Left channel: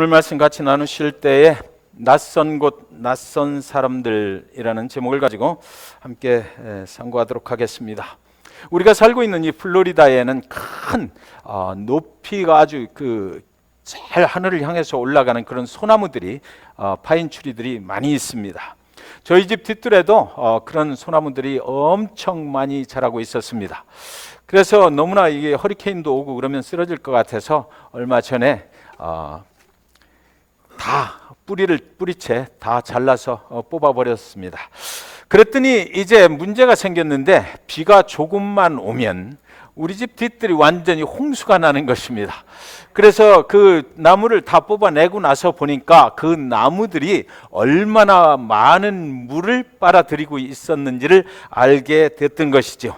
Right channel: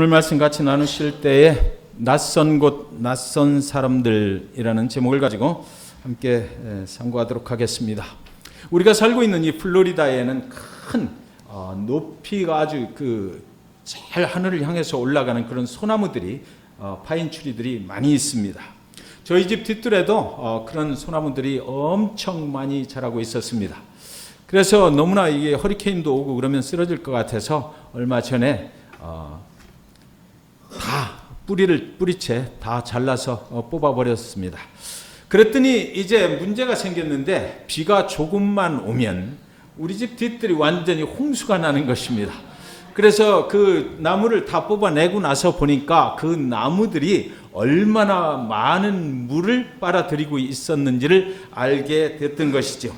오늘 말씀 같이 나누실 때에 낯선 곳, 낯선 사람들이라는 제목을 가지고 함께 상고하도록 하겠습니다. 우리가 살고 있는 이 플로리다에는 큰 높이가 아주 잘 하늘을 향해서 올라가는 그런 소나무들이 파인 추리들이 많이 있습니다. 저희 집 뒷뜰에도 그런 소나무들이 엄청 많이 자라고 있었습니다. 그래서 너무나 이게 허리케인도 오고 그러면 쓰러질 것 같아서 얼마 전에 다 뿌리채 다 잘라서 뽑아버렸습니다. 그랬더니 이제 문제가 생겼는데 비가 조금만 오면 우리 집 뒷뜰이 완전히 홍수가 나는 것입니다. 그래서 그 나무를 다 뽑아내고 나서 보니까 그 나무들이 얼마나 많은 물을 빨아들이고 있었는지를 알게 됐던 것이죠.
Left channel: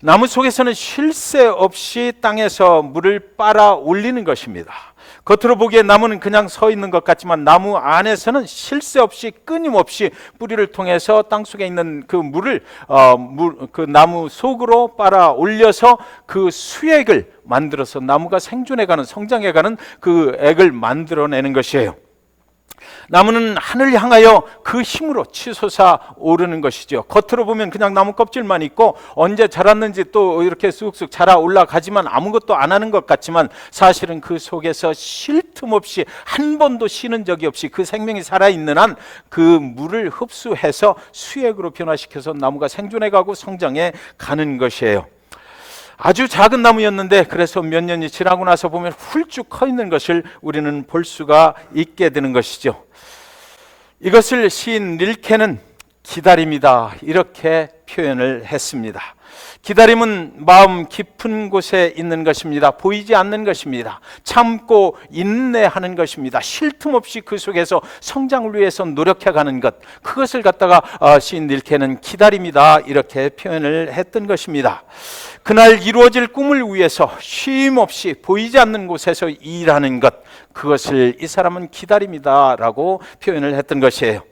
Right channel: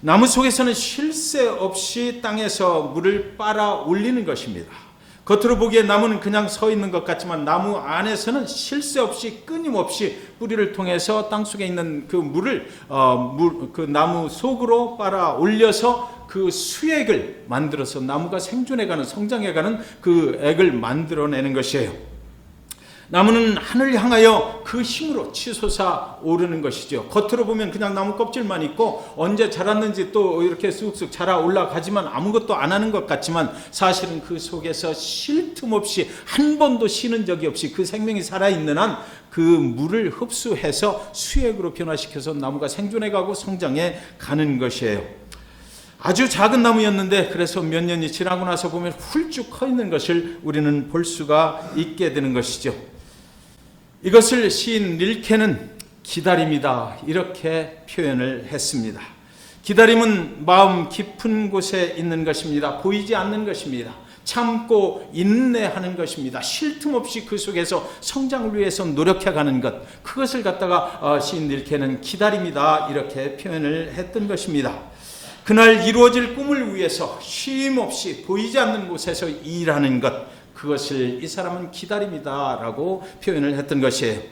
나무 속에서는 쉴 새 없이 땅에서 물을 빨아 올리는 것입니다. 겉으로 보기에 나무는 그냥 서 있는 것 같지만 나무 안에서는 쉴 새 없이 끊임없이 뿌리를 통해서 땅속에 있는 그 물을 그 나무 속으로 빨아 올려서 그 수액을 만들어서 나무가 생존해가는, 성장해가는 그 액을 만들어내는 것이에요. 나무는 하늘을 향하여 그 힘으로 치솟아 오르는 것이죠. 겉으로 보면 그냥 나무 껍질만 있고 언제 자랐는지 또 이렇게 쑥쑥 자라 올라가지만 아무것도 안 하는 것 같지만 사실은 그 속에서 쉴 틈 없이 한 번도 쉬는 적이 없이 그 생명이 살아있는 한 그 물을 흡수해서 수액으로 변화시켜서 나무가 생존해가고 성장해 가는 것이에요. 아주 작은 나무였는데 그래서 몇 년이 지나고 나서 보면 훌쭉 커 있는 것을 우리는 볼 수가 있게 되는 것이죠. 이것을 시인 릴케는 기다림이다 이렇게 표현을 했습니다. 기다림은 마음 깊은 곳에 있는 것입니다. 보이지 않는 것입니다. 참고 인내하는 것입니다. 쉴 틈 없이 그 속에서 성장을 위해서 노력해가는 것, 그것을 갖다가 시인 릴케는 기다림이다 이렇게 표현을 했던 것입니다. 그날 이루어질 꿈을 위해서 쉼 없이 보이지 않는 곳에서 일하는 것, 그것을 이 사람은 기다림이다라고 표현을 했던 것이에요.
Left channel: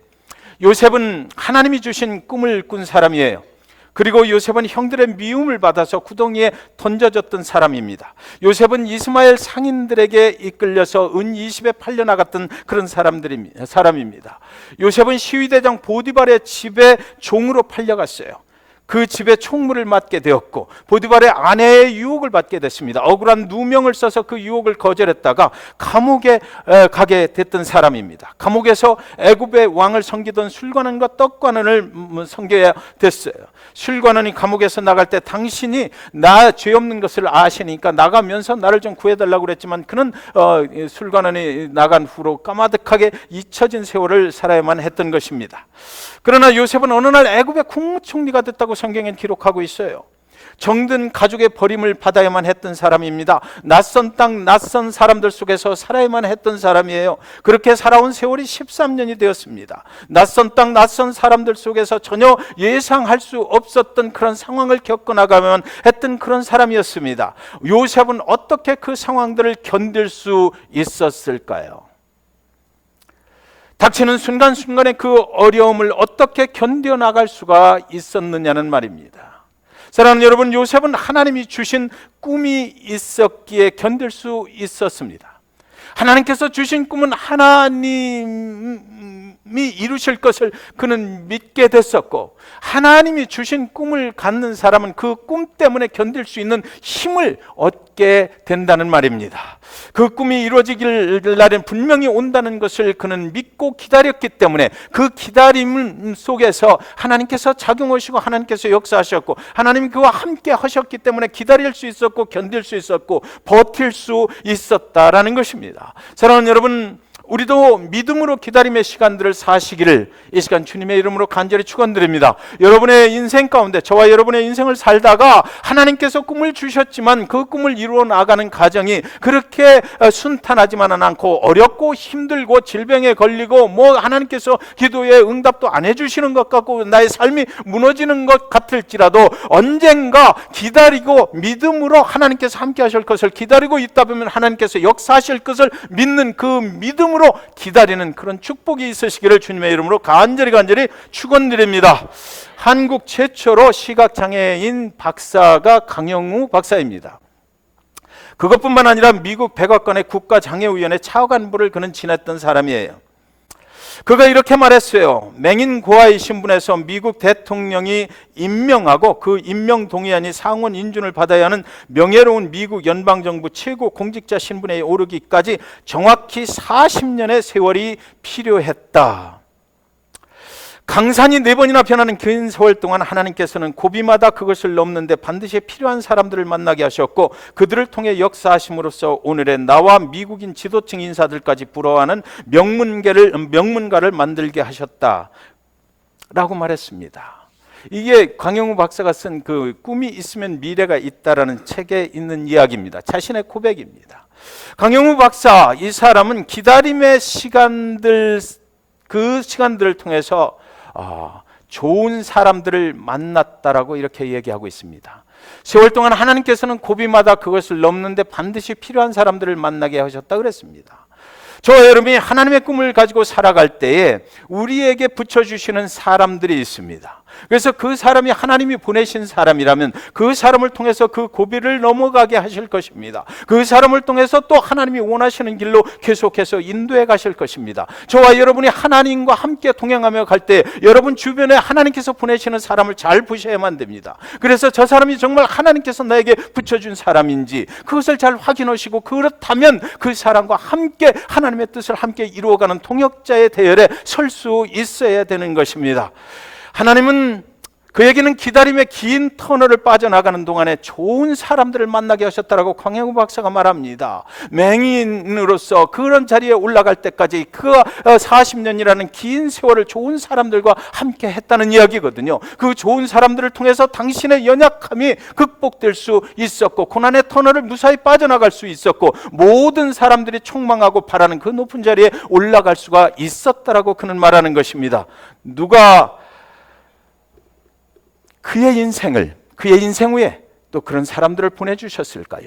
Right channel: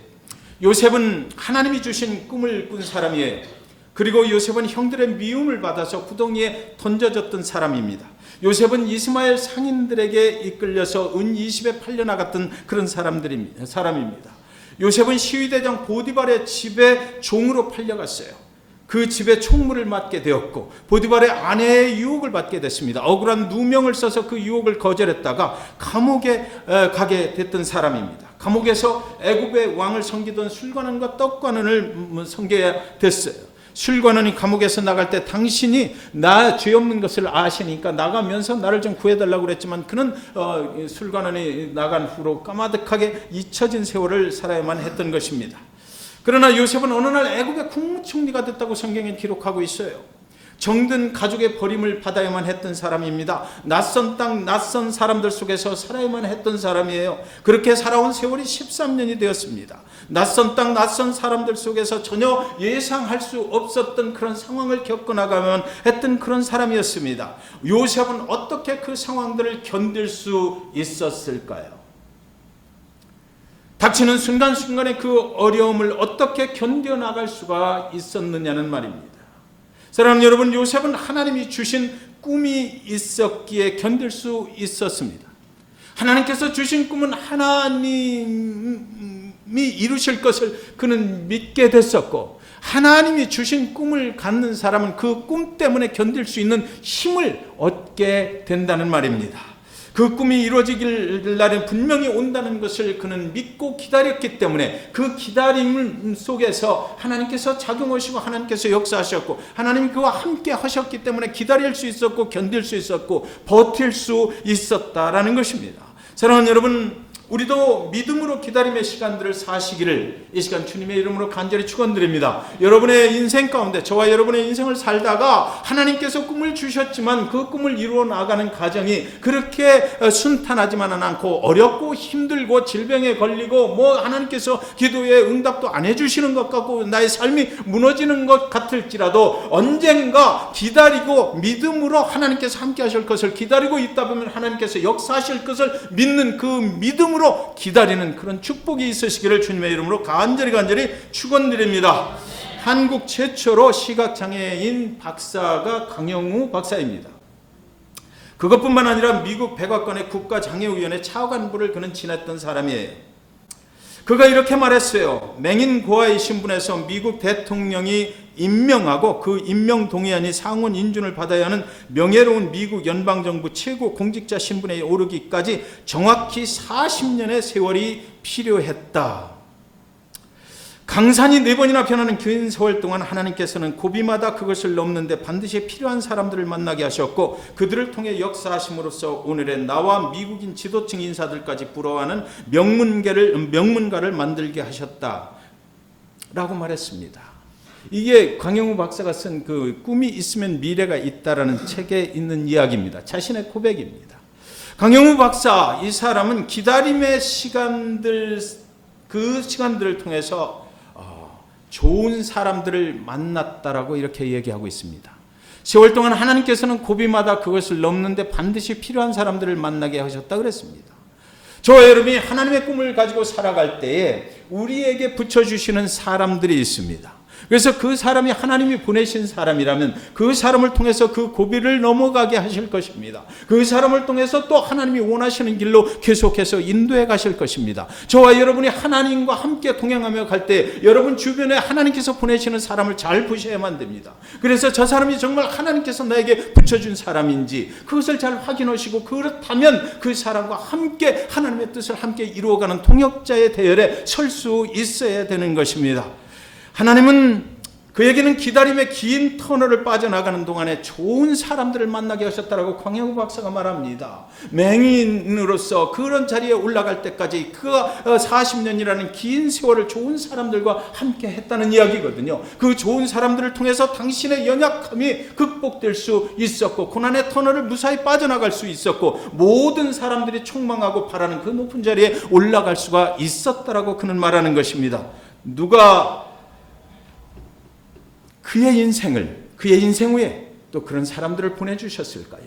요셉은 하나님이 주신 꿈을 꾼 사람이에요. 그리고 요셉은 형들의 미움을 받아서 구덩이에 던져졌던 사람입니다. 요셉은 이스마엘 상인들에게 이끌려서 은 20에 팔려나갔던 그런 사람입니다. 요셉은 시위대장 보디발의 집에 종으로 팔려갔어요. 그 집에 총무를 맡게 되었고 보디발의 아내의 유혹을 받게 됐습니다. 억울한 누명을 써서 그 유혹을 거절했다가 감옥에 가게 됐던 사람입니다. 감옥에서 애굽의 왕을 섬기던 술관원과 떡관원을 섬겨야 됐어요. 술관원이 감옥에서 나갈 때 당신이 나 죄 없는 것을 아시니까 나가면서 나를 좀 구해달라고 그랬지만 그는 술관원이 나간 후로 까마득하게 잊혀진 세월을 살아야만 했던 것입니다. 그러나 요셉은 어느 날 애굽의 국무총리가 됐다고 성경에 기록하고 있어요. 정든 가족의 버림을 받아야만 했던 사람입니다. 낯선 땅, 낯선 사람들 속에서 살아야만 했던 사람이에요. 그렇게 살아온 세월이 13년이 되었습니다. 낯선 땅, 낯선 사람들 속에서 전혀 예상할 수 없었던 그런 상황을 겪어나가야만 했던 그런 사람이었습니다. 요셉은 어떻게 그 상황들을 견딜 수 있었을까요? 닥치는 순간순간의 그 어려움을 어떻게 견뎌나갈 수가 있었느냐는 말입니다. 사랑하는 여러분, 요셉은 하나님이 주신 꿈이 있었기에 견딜 수 있었습니다. 하나님께서 주신 꿈은 하나님이 이루실 것을 그는 믿게 됐었고 하나님이 주신 꿈을 갖는 사람은 그 꿈 때문에 견딜 수 있는 힘을 얻게 된다는 말입니다. 그 꿈이 이루어지길 날엔 분명히 온다는 것을 그는 믿고 기다렸기 때문에 그 기다림 속에서 하나님께서 자동하시고 하나님께서 역사하셨고 하나님이 그와 함께 하셨기 때문에 기다릴 수 있었고 견딜 수 있었고 버틸 수 있었다라는 것입니다. 사랑하는 여러분, 우리도 믿음으로 기다림의 시간들을 사시기를 이 시간 주님의 이름으로 간절히 축원드립니다. 여러분의 인생 가운데 저와 여러분의 인생을 살다가 하나님께서 꿈을 주셨지만 그 꿈을 이루어 나가는 과정이 그렇게 순탄하지만은 않고 어렵고 힘들고 질병에 걸리고 하나님께서 기도에 응답도 안 해주시는 것 같고 나의 삶이 무너지는 것 같을지라도 언젠가 기다리고 믿음으로 하나님께서 함께 하실 것을 기다리고 있다 보면 하나님께서 역사하실 것을 믿는 그 믿음으로 기다리는 그런 축복이 있으시기를 주님의 이름으로 간절히 축원드립니다. 한국 최초로 시각장애인 박사가 강영우 박사입니다. 그것뿐만 아니라 미국 백악관의 국가장애위원회 차관보를 그는 지냈던 사람이에요. 그가 이렇게 말했어요. 맹인 고아의 신분에서 미국 대통령이 임명하고 그 임명 동의안이 상원 인준을 받아야 하는 명예로운 미국 연방정부 최고 공직자 신분에 오르기까지 정확히 40년의 세월이 필요했다. 강산이 4번이나 변하는 긴 세월 동안 하나님께서는 고비마다 그것을 넘는데 반드시 필요한 사람들을 만나게 하셨고 그들을 통해 역사하심으로써 오늘의 나와 미국인 지도층 인사들까지 부러워하는 명문가를 만들게 하셨다 라고 말했습니다. 이게 강영우 박사가 쓴 그 꿈이 있으면 미래가 있다라는 책에 있는 이야기입니다. 자신의 고백입니다. 강영우 박사, 이 사람은 기다림의 시간들, 그 시간들을 통해서 좋은 사람들을 만났다라고 이렇게 얘기하고 있습니다. 세월 동안 하나님께서는 고비마다 그것을 넘는데 반드시 필요한 사람들을 만나게 하셨다 그랬습니다. 저와 여러분이 하나님의 꿈을 가지고 살아갈 때에 우리에게 붙여주시는 사람들이 있습니다. 그래서 그 사람이 하나님이 보내신 사람이라면 그 사람을 통해서 그 고비를 넘어가게 하실 것입니다. 그 사람을 통해서 또 하나님이 원하시는 길로 계속해서 인도해 가실 것입니다. 저와 여러분이 하나님과 함께 동행하며 갈 때 여러분 주변에 하나님께서 보내시는 사람을 잘 보셔야만 됩니다. 그래서 저 사람이 정말 하나님께서 나에게 붙여준 사람인지 그것을 잘 확인하시고 그렇다면 그 사람과 함께 하나님의 뜻을 함께 이루어가는 동역자의 대열에 설 수 있어야 되는 것입니다. 하나님은 그에게는 기다림의 긴 터널을 빠져나가는 동안에 좋은 사람들을 만나게 하셨다라고 강영우 박사가 말합니다. 맹인으로서 그런 자리에 올라갈 때까지 그 40년이라는 긴 세월을 좋은 사람들과 함께 했다는 이야기거든요. 그 좋은 사람들을 통해서 당신의 연약함이 극복될 수 있었고 고난의 터널을 무사히 빠져나갈 수 있었고 모든 사람들이 총망하고 바라는 그 높은 자리에 올라갈 수가 있었다라고 그는 말하는 것입니다. 누가 그의 인생 후에 또 그런 사람들을 보내주셨을까요?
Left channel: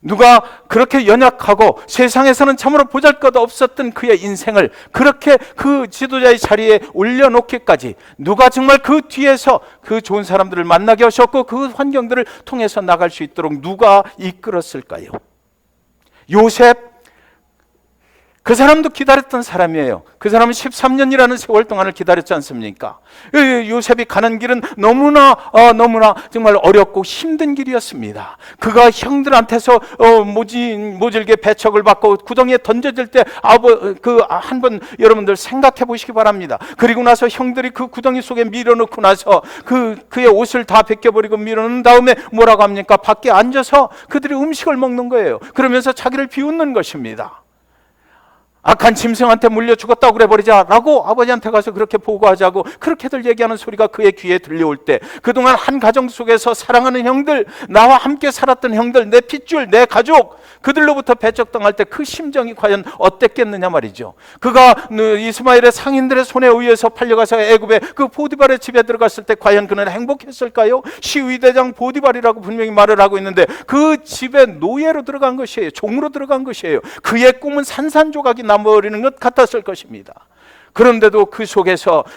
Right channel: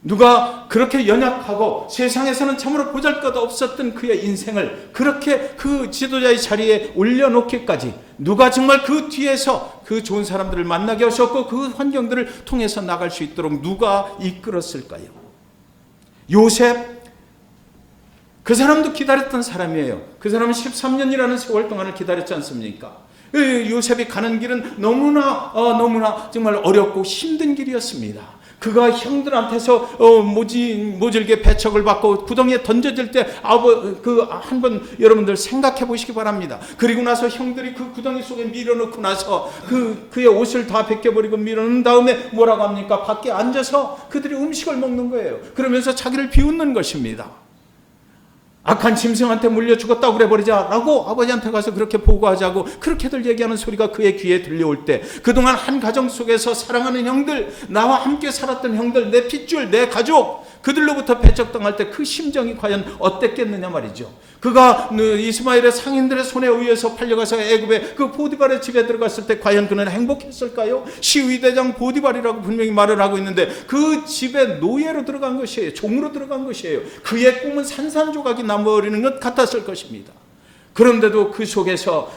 누가 그렇게 연약하고 세상에서는 참으로 보잘것 없었던 그의 인생을 그렇게 그 지도자의 자리에 올려놓기까지 누가 정말 그 뒤에서 그 좋은 사람들을 만나게 하셨고 그 환경들을 통해서 나갈 수 있도록 누가 이끌었을까요? 요셉, 그 사람도 기다렸던 사람이에요. 그 사람은 13년이라는 세월 동안을 기다렸지 않습니까? 요셉이 가는 길은 너무나 정말 어렵고 힘든 길이었습니다. 그가 형들한테서 모질게 배척을 받고 구덩이에 던져질 때 한번 여러분들 생각해 보시기 바랍니다. 그리고 나서 형들이 그 구덩이 속에 밀어넣고 나서 그의 옷을 다 벗겨버리고 밀어넣은 다음에 뭐라고 합니까? 밖에 앉아서 그들이 음식을 먹는 거예요. 그러면서 자기를 비웃는 것입니다. 악한 짐승한테 물려 죽었다고 그래버리자라고 아버지한테 가서 그렇게 보고하자고 그렇게들 얘기하는 소리가 그의 귀에 들려올 때 그동안 한 가정 속에서 사랑하는 형들, 나와 함께 살았던 형들, 내 핏줄, 내 가족 그들로부터 배척당할 때 그 심정이 과연 어땠겠느냐 말이죠. 그가 이스마엘의 상인들의 손에 의해서 팔려가서 애굽의 그 보디발의 집에 들어갔을 때 과연 그는 행복했을까요? 시위대장 보디발이라고 분명히 말을 하고 있는데 그 집에 노예로 들어간 것이에요. 종으로 들어간 것이에요. 그의 꿈은 산산조각이 나버리는 것 같았을 것입니다. 그런데도 그 속에서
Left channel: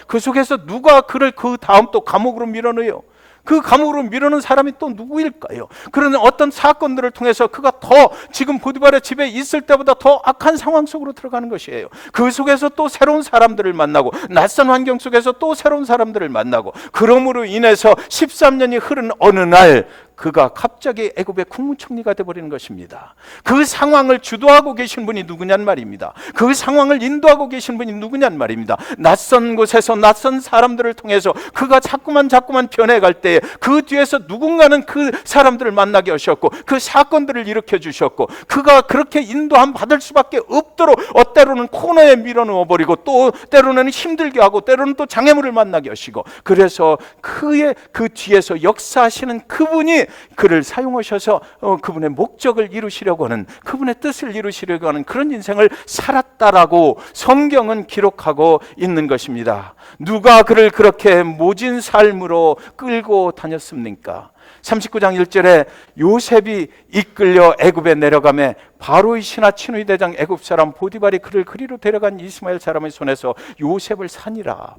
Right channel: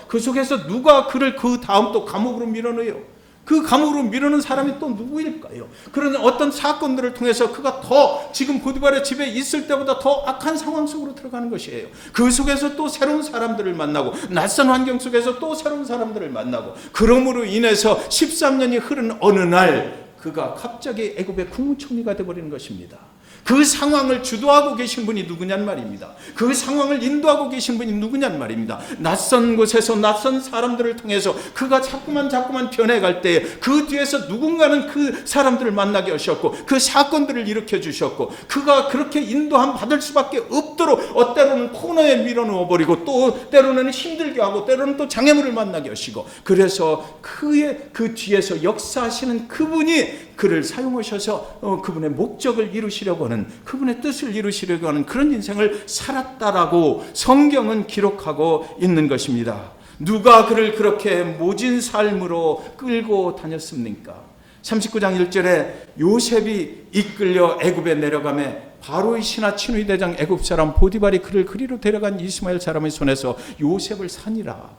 누가 그를 그 다음 또 감옥으로 밀어넣어요. 그 감옥으로 밀어넣은 사람이 또 누구일까요? 그런 어떤 사건들을 통해서 그가 더 지금 보디발의 집에 있을 때보다 더 악한 상황 속으로 들어가는 것이에요. 그 속에서 또 새로운 사람들을 만나고 낯선 환경 속에서 또 새로운 사람들을 만나고 그럼으로 인해서 13년이 흐른 어느 날 그가 갑자기 애굽의 국무총리가 되어버리는 것입니다. 그 상황을 주도하고 계신 분이 누구냔 말입니다. 그 상황을 인도하고 계신 분이 누구냔 말입니다. 낯선 곳에서 낯선 사람들을 통해서 그가 자꾸만 변해갈 때에 그 뒤에서 누군가는 그 사람들을 만나게 하셨고 그 사건들을 일으켜 주셨고 그가 그렇게 인도함 받을 수밖에 없도록 때로는 코너에 밀어넣어버리고 또 때로는 힘들게 하고 때로는 또 장애물을 만나게 하시고 그래서 그의 그 뒤에서 역사하시는 그분이 그를 사용하셔서 그분의 목적을 이루시려고 하는 그분의 뜻을 이루시려고 하는 그런 인생을 살았다라고 성경은 기록하고 있는 것입니다. 누가 그를 그렇게 모진 삶으로 끌고 다녔습니까? 39장 1절에 요셉이 이끌려 애굽에 내려가매 바로의 신하 친위 대장 애굽 사람 보디발이 그를 그리로 데려간 이스마엘 사람의 손에서 요셉을 산이라.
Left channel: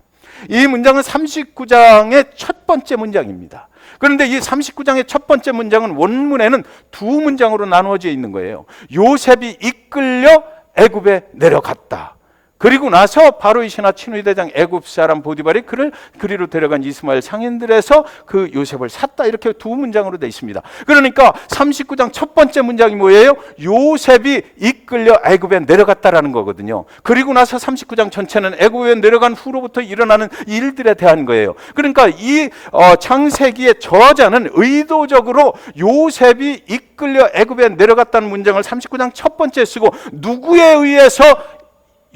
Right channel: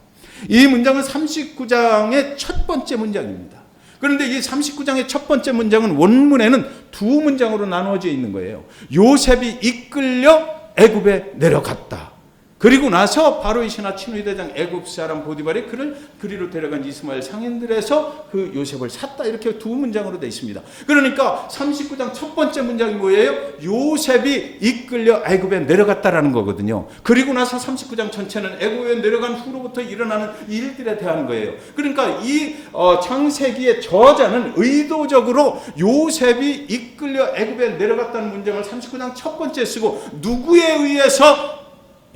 이 문장은 39장의 첫 번째 문장입니다. 그런데 이 39장의 첫 번째 문장은 원문에는 두 문장으로 나누어져 있는 거예요. 요셉이 이끌려 애굽에 내려갔다. 그리고 나서 바로의 신하 친위 대장 애굽 사람 보디발이 그를 그리로 데려간 이스마엘 상인들에서 그 요셉을 샀다. 이렇게 두 문장으로 되어 있습니다. 그러니까 39장 첫 번째 문장이 뭐예요? 요셉이 이끌려 애굽에 내려갔다라는 거거든요. 그리고 나서 39장 전체는 애굽에 내려간 후로부터 일어나는 일들에 대한 거예요. 그러니까 이 창세기의 저자는 의도적으로 요셉이 이끌려 애굽에 내려갔다는 문장을 39장 첫 번째 쓰고 누구에 의해서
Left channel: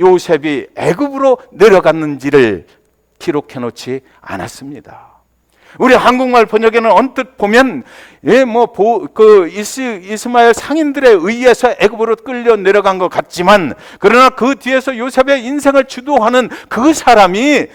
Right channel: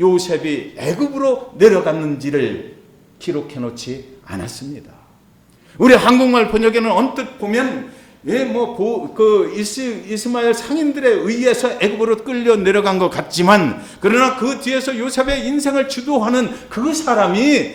요셉이 애굽으로 내려갔는지를 기록해 놓지 않았습니다. 우리 한국말 번역에는 언뜻 보면 이스마엘 상인들에 의해서 애굽으로 끌려 내려간 것 같지만, 그러나 그 뒤에서 요셉의 인생을 주도하는 그 사람이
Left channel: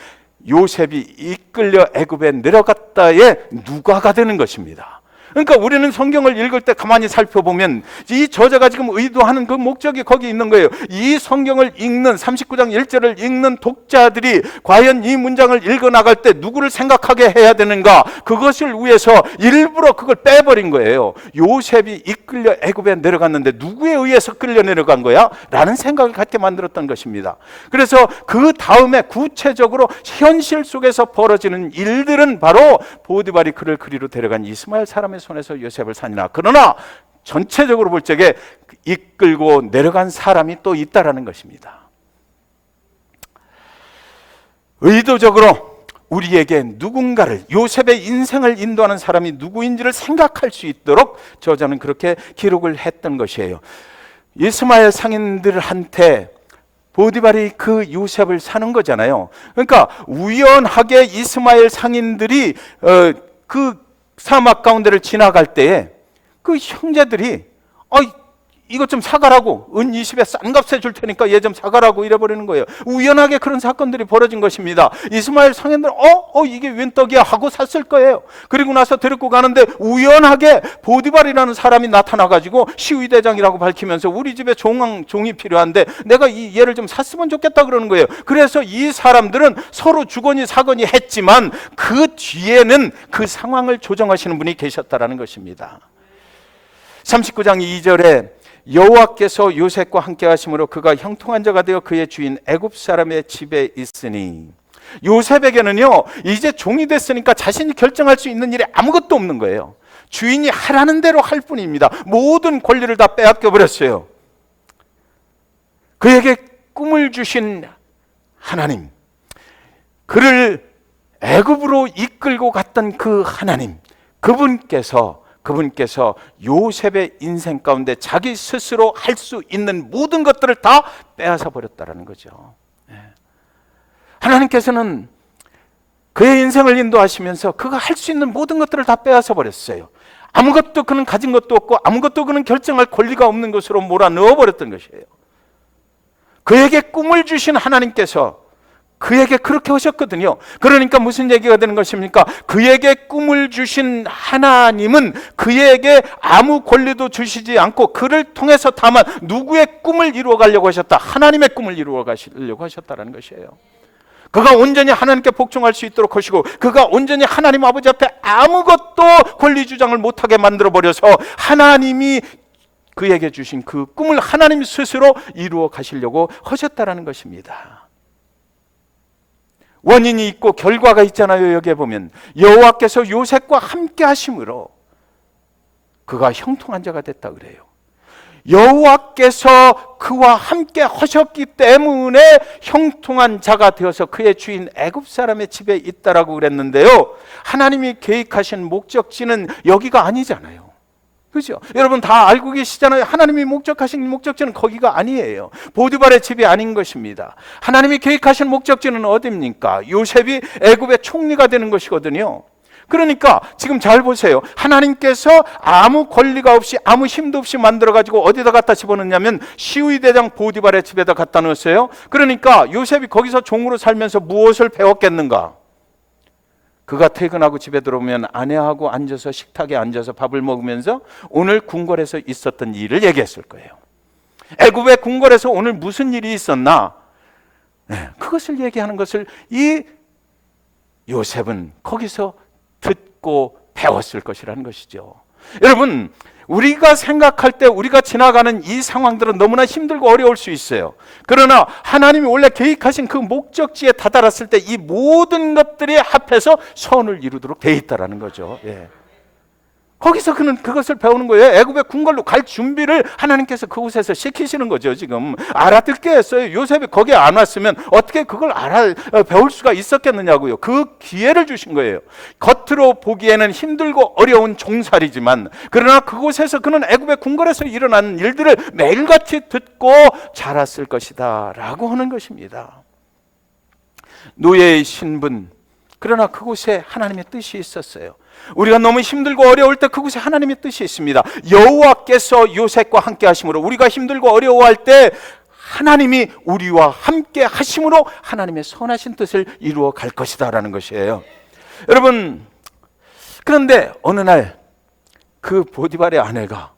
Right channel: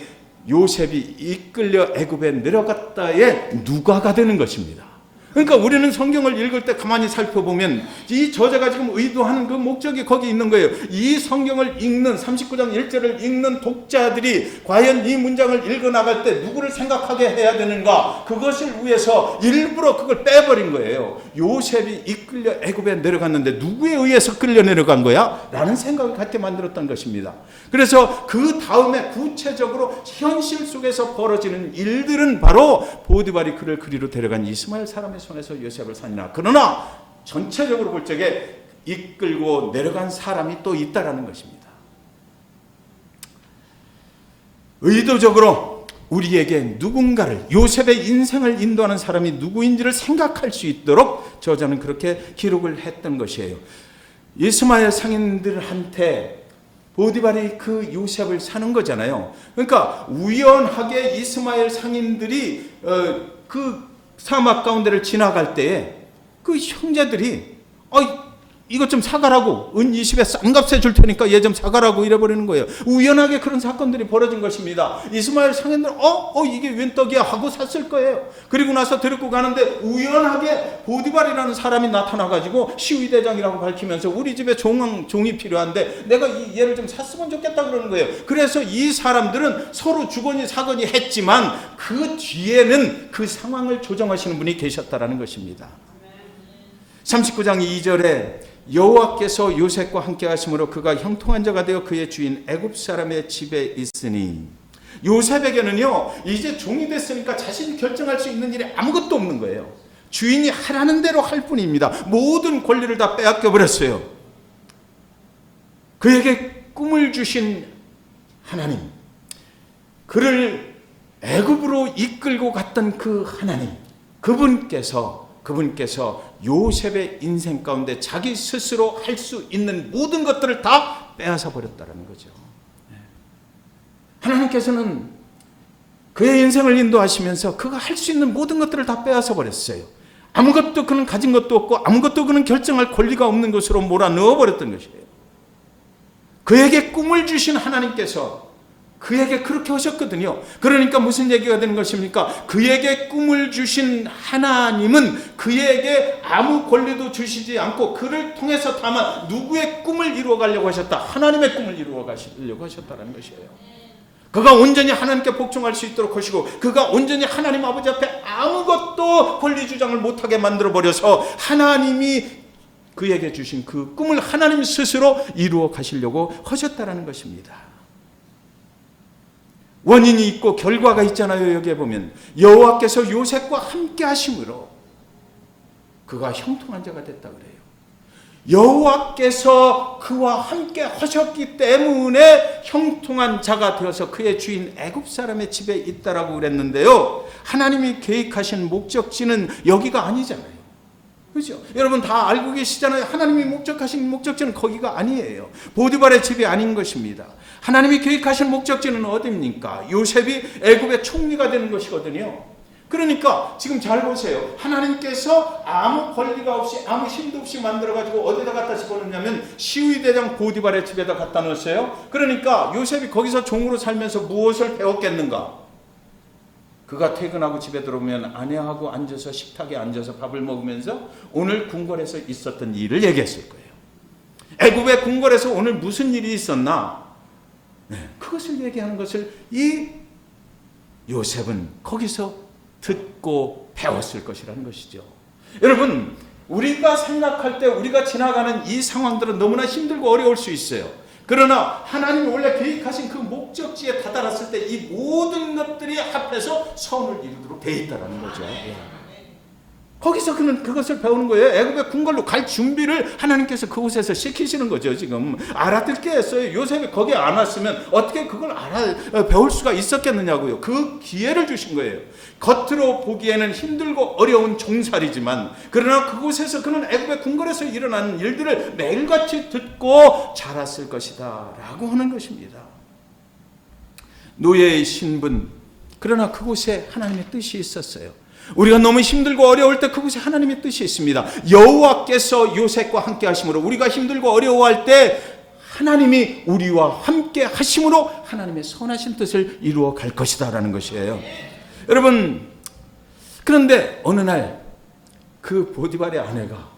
요셉이 이끌려 애굽에 내려갔다의 누가가 되는 것입니다. 그러니까 우리는 성경을 읽을 때 가만히 살펴보면 이 저자가 지금 의도하는 그 목적이 거기 있는 거예요. 이 성경을 읽는 39장 1절을 읽는 독자들이 과연 이 문장을 읽어나갈 때 누구를 생각하게 해야 되는가, 그것을 위해서 일부러 그걸 빼버린 거예요. 요셉이 이끌려 애굽에 내려갔는데 누구에 의해서 끌려 내려간 거야? 라는 생각을 갖게 만들었던 것입니다. 그래서 그 다음에 구체적으로 현실 속에서 벌어지는 일들은 바로 보디발이 그를 그리로 데려간 이스마엘 사람의 손에서 요셉을 사니라. 그러나 전체적으로 볼 적에 이끌고 내려간 사람이 또 있다라는 것입니다. 의도적으로 우리에게 누군가를, 요셉의 인생을 인도하는 사람이 누구인지를 생각할 수 있도록 저자는 그렇게 기록을 했던 것이에요. 이스마엘 상인들한테 보디발이 그 요셉을 사는 거잖아요. 그러니까 우연하게 이스마엘 상인들이 그 사막 가운데를 지나갈 때에 그 형제들이 이것 좀 사가라고, 은 20에 싼 값에 줄 테니까 얘 좀 사가라고 이래버리는 거예요. 우연하게 그런 사건들이 벌어진 것입니다. 이스마엘 상인들은 이게 웬 떡이야 하고 샀을 거예요. 그리고 나서 데리고 가는데 우연하게 보디발이라는 사람이 나타나가지고 시위대장이라고 밝히면서 우리 집에 종이 필요한데 내가 얘를 좀 샀으면 좋겠다 그러는 거예요. 그래서 이 사람들은 서로 주거니 사거니 했지만 그 뒤에는 그 상황을 조정하시는 분이 계셨다라는 것입니다. 39장 2절에 여호와께서 요셉과 함께 하심으로 그가 형통한 자가 되어 그의 주인 애굽 사람의 집에 있으니, 요셉에게는요 이제 종이 됐으니까 자신이 결정할 수 있는 일이 아무것도 없는 거예요. 주인이 하라는 대로 할 뿐입니다. 모든 권리를 다 빼앗겨 버렸어요. 그에게 꿈을 주신 하나님, 그를 애굽으로 이끌고 갔던 그 하나님, 그분께서 요셉의 인생 가운데 자기 스스로 할 수 있는 모든 것들을 다 빼앗아 버렸다는 거죠. 하나님께서는 그의 인생을 인도하시면서 그가 할 수 있는 모든 것들을 다 빼앗아 버렸어요. 아무것도 그는 가진 것도 없고 아무것도 그는 결정할 권리가 없는 것으로 몰아넣어 버렸던 것이에요. 그에게 꿈을 주신 하나님께서 그에게 그렇게 하셨거든요. 그러니까 무슨 얘기가 되는 것입니까? 그에게 꿈을 주신 하나님은 그에게 아무 권리도 주시지 않고 그를 통해서 다만 누구의 꿈을 이루어 가려고 하셨다? 하나님의 꿈을 이루어 가시려고 하셨다는 것이에요. 그가 온전히 하나님께 복종할 수 있도록 하시고 그가 온전히 하나님 아버지 앞에 아무것도 권리 주장을 못하게 만들어버려서 하나님이 그에게 주신 그 꿈을 하나님 스스로 이루어 가시려고 하셨다는 것입니다. 원인이 있고 결과가 있잖아요. 여기에 보면 여호와께서 요셉과 함께 하심으로 그가 형통한 자가 됐다 그래요. 여호와께서 그와 함께 하셨기 때문에 형통한 자가 되어서 그의 주인 애굽 사람의 집에 있다라고 그랬는데요. 하나님이 계획하신 목적지는 여기가 아니잖아요. 그렇죠? 여러분 다 알고 계시잖아요. 하나님이 목적하신 목적지는 거기가 아니에요. 보디발의 집이 아닌 것입니다. 하나님이 계획하신 목적지는 어디입니까? 요셉이 애굽의 총리가 되는 것이거든요. 그러니까 지금 잘 보세요. 하나님께서 아무 권리가 없이 아무 힘도 없이 만들어가지고 어디다 갖다 집어넣냐면 시위대장 보디발의 집에다 갖다 놓았어요. 그러니까 요셉이 거기서 종으로 살면서 무엇을 배웠겠는가? 그가 퇴근하고 집에 들어오면 아내하고 앉아서 식탁에 앉아서 밥을 먹으면서 오늘 궁궐에서 있었던 일을 얘기했을 거예요. 애굽의 궁궐에서 오늘 무슨 일이 있었나? 그것을 얘기하는 것을 이 요셉은 거기서 듣고 배웠을 것이라는 것이죠. 여러분, 우리가 생각할 때 우리가 지나가는 이 상황들은 너무나 힘들고 어려울 수 있어요. 그러나 하나님이 원래 계획하신 그 목적지에 다다랐을 때 이 모든 것들이 합해서 선을 이루도록 돼 있다라는 거죠. 예. 거기서 그는 그것을 배우는 거예요. 애굽의 궁궐로 갈 준비를 하나님께서 그곳에서 시키시는 거죠. 지금 알아듣게 했어요. 요셉이 거기에 안 왔으면 어떻게 그걸 배울 수가 있었겠느냐고요. 그 기회를 주신 거예요. 겉으로 보기에는 힘들고 어려운 종살이지만 그러나 그곳에서 그는 애굽의 궁궐에서 일어난 일들을 매일같이 듣고 자랐을 것이다 라고 하는 것입니다. 노예의 신분, 그러나 그곳에 하나님의 뜻이 있었어요. 우리가 너무 힘들고 어려울 때 그곳에 하나님의 뜻이 있습니다. 여호와께서 요셉과 함께 하심으로 우리가 힘들고 어려워할 때 하나님이 우리와 함께 하심으로 하나님의 선하신 뜻을 이루어 갈 것이다 라는 것이에요. 여러분, 그런데 어느 날 그 보디발의 아내가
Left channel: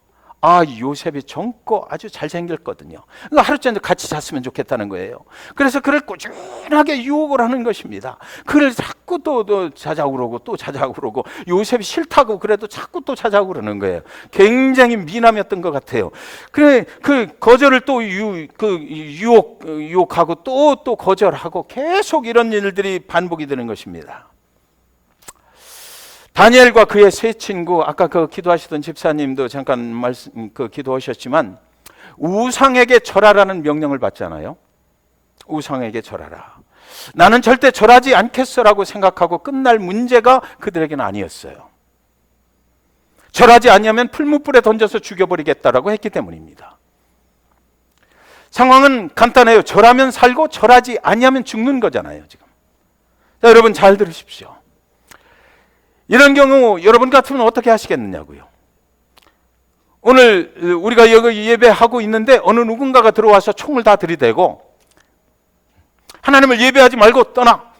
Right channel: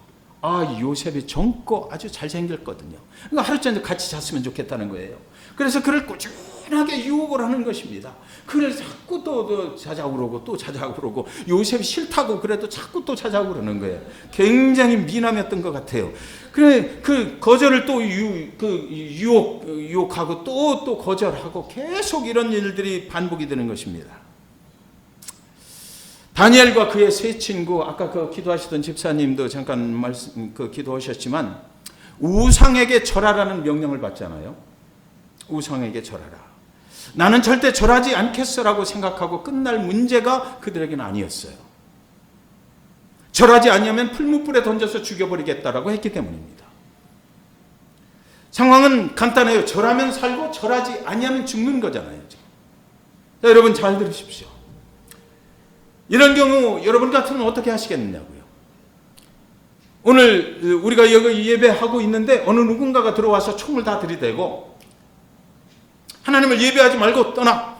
요셉이 젊고 아주 잘생겼거든요. 그러니까 하루 종일 같이 잤으면 좋겠다는 거예요. 그래서 그를 꾸준하게 유혹을 하는 것입니다. 그를 자꾸 또 자자고 그러고 또 자자고 그러고 요셉이 싫다고 그래도 자꾸 또 자자고 그러는 거예요. 굉장히 미남이었던 것 같아요. 그 거절을 또 유혹하고 또 거절하고 계속 이런 일들이 반복이 되는 것입니다. 다니엘과 그의 세 친구, 아까 그 기도하시던 집사님도 잠깐 기도하셨지만 우상에게 절하라는 명령을 받잖아요. 우상에게 절하라. 나는 절대 절하지 않겠어라고 생각하고 끝날 문제가 그들에게는 아니었어요. 절하지 않으면 풀무불에 던져서 죽여버리겠다라고 했기 때문입니다. 상황은 간단해요. 절하면 살고 절하지 않으면 죽는 거잖아요. 지금. 자, 여러분 잘 들으십시오. 이런 경우 여러분 같으면 어떻게 하시겠느냐고요. 오늘 우리가 여기 예배하고 있는데 어느 누군가가 들어와서 총을 다 들이대고 하나님을 예배하지 말고 떠나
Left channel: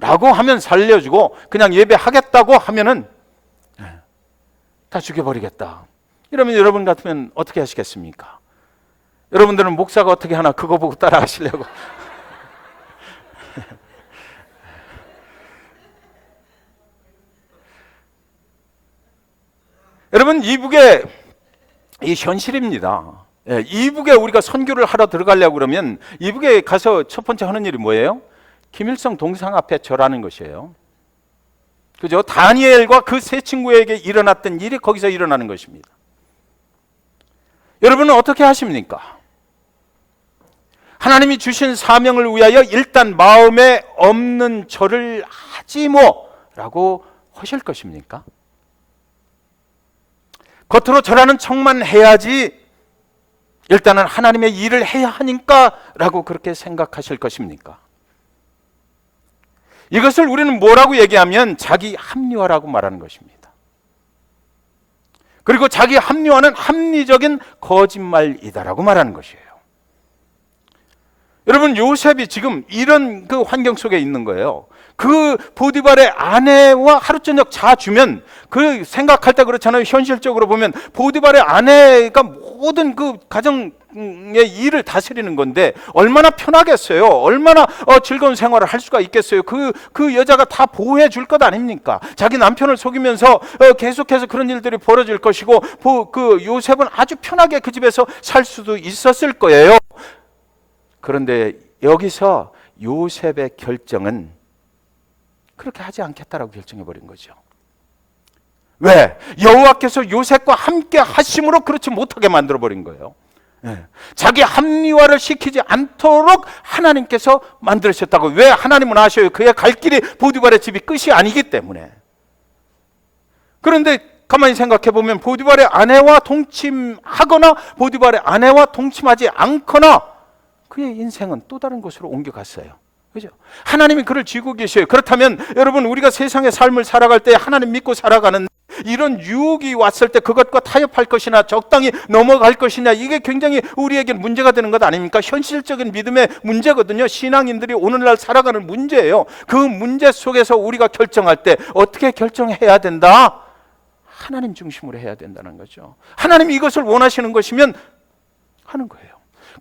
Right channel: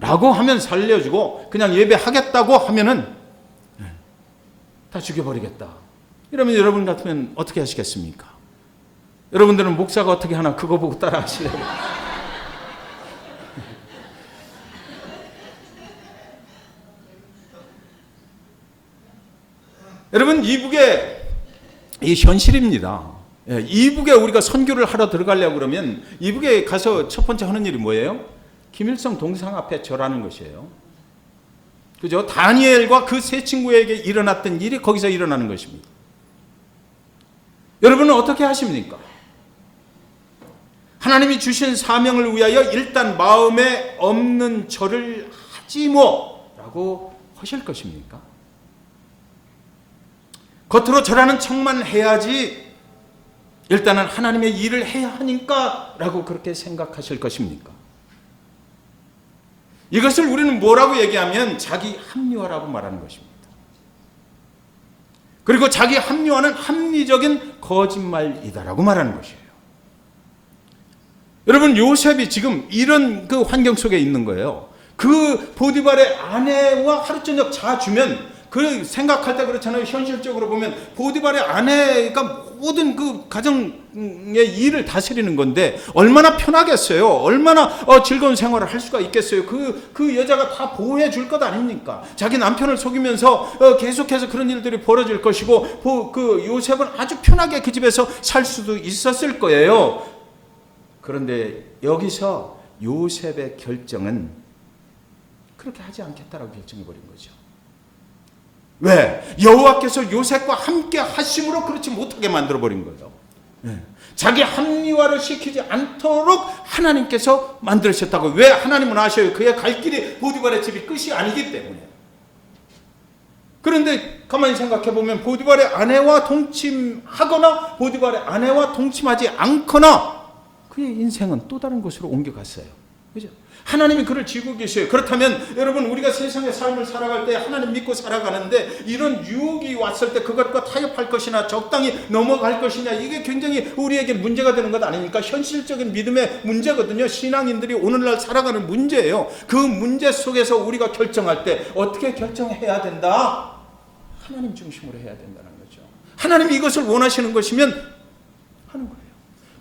라고 하면 살려주고 그냥 예배하겠다고 하면은 다 죽여버리겠다. 이러면 여러분 같으면 어떻게 하시겠습니까? 여러분들은 목사가 어떻게 하나 그거 보고 따라 하시려고. 여러분, 이북의 이 현실입니다. 이북에 우리가 선교를 하러 들어가려고 그러면 이북에 가서 첫 번째 하는 일이 뭐예요? 김일성 동상 앞에 절하는 것이에요. 그죠? 다니엘과 그 세 친구에게 일어났던 일이 거기서 일어나는 것입니다. 여러분은 어떻게 하십니까? 하나님이 주신 사명을 위하여 일단 마음에 없는 절을 하지 뭐라고 하실 것입니까? 겉으로 절하는 척만 해야지 일단은 하나님의 일을 해야 하니까 라고 그렇게 생각하실 것입니까? 이것을 우리는 뭐라고 얘기하면 자기 합리화라고 말하는 것입니다. 그리고 자기 합리화는 합리적인 거짓말이다라고 말하는 것이에요. 여러분, 요셉이 지금 이런 그 환경 속에 있는 거예요. 그 보디발의 아내와 하루 저녁 자주면 그 생각할 때 그렇잖아요. 현실적으로 보면 보디발의 아내가 모든 그 가정의 일을 다스리는 건데 얼마나 편하겠어요. 얼마나 즐거운 생활을 할 수가 있겠어요. 그 여자가 다 보호해 줄 것 아닙니까? 자기 남편을 속이면서 계속해서 그런 일들이 벌어질 것이고 그 요셉은 아주 편하게 그 집에서 살 수도 있었을 거예요. 그런데 여기서 요셉의 결정은 그렇게 하지 않겠다라고 결정해버린 거죠. 왜? 여호와께서 요셉과 함께 하심으로 그렇지 못하게 만들어버린 거예요. 자기 합리화를 시키지 않도록 하나님께서 만들으셨다고. 왜? 하나님은 아셔요. 그의 갈 길이 보디발의 집이 끝이 아니기 때문에. 그런데 가만히 생각해보면 보디발의 아내와 동침하거나 보디발의 아내와 동침하지 않거나 그의 인생은 또 다른 곳으로 옮겨갔어요. 그죠? 하나님이 그를 쥐고 계셔요. 그렇다면 여러분, 우리가 세상의 삶을 살아갈 때 하나님 믿고 살아가는데 이런 유혹이 왔을 때 그것과 타협할 것이나 적당히 넘어갈 것이냐, 이게 굉장히 우리에게 문제가 되는 것 아닙니까? 현실적인 믿음의 문제거든요. 신앙인들이 오늘날 살아가는 문제예요. 그 문제 속에서 우리가 결정할 때 어떻게 결정해야 된다? 하나님 중심으로 해야 된다는 거죠. 하나님이 이것을 원하시는 것이면 하는 거예요.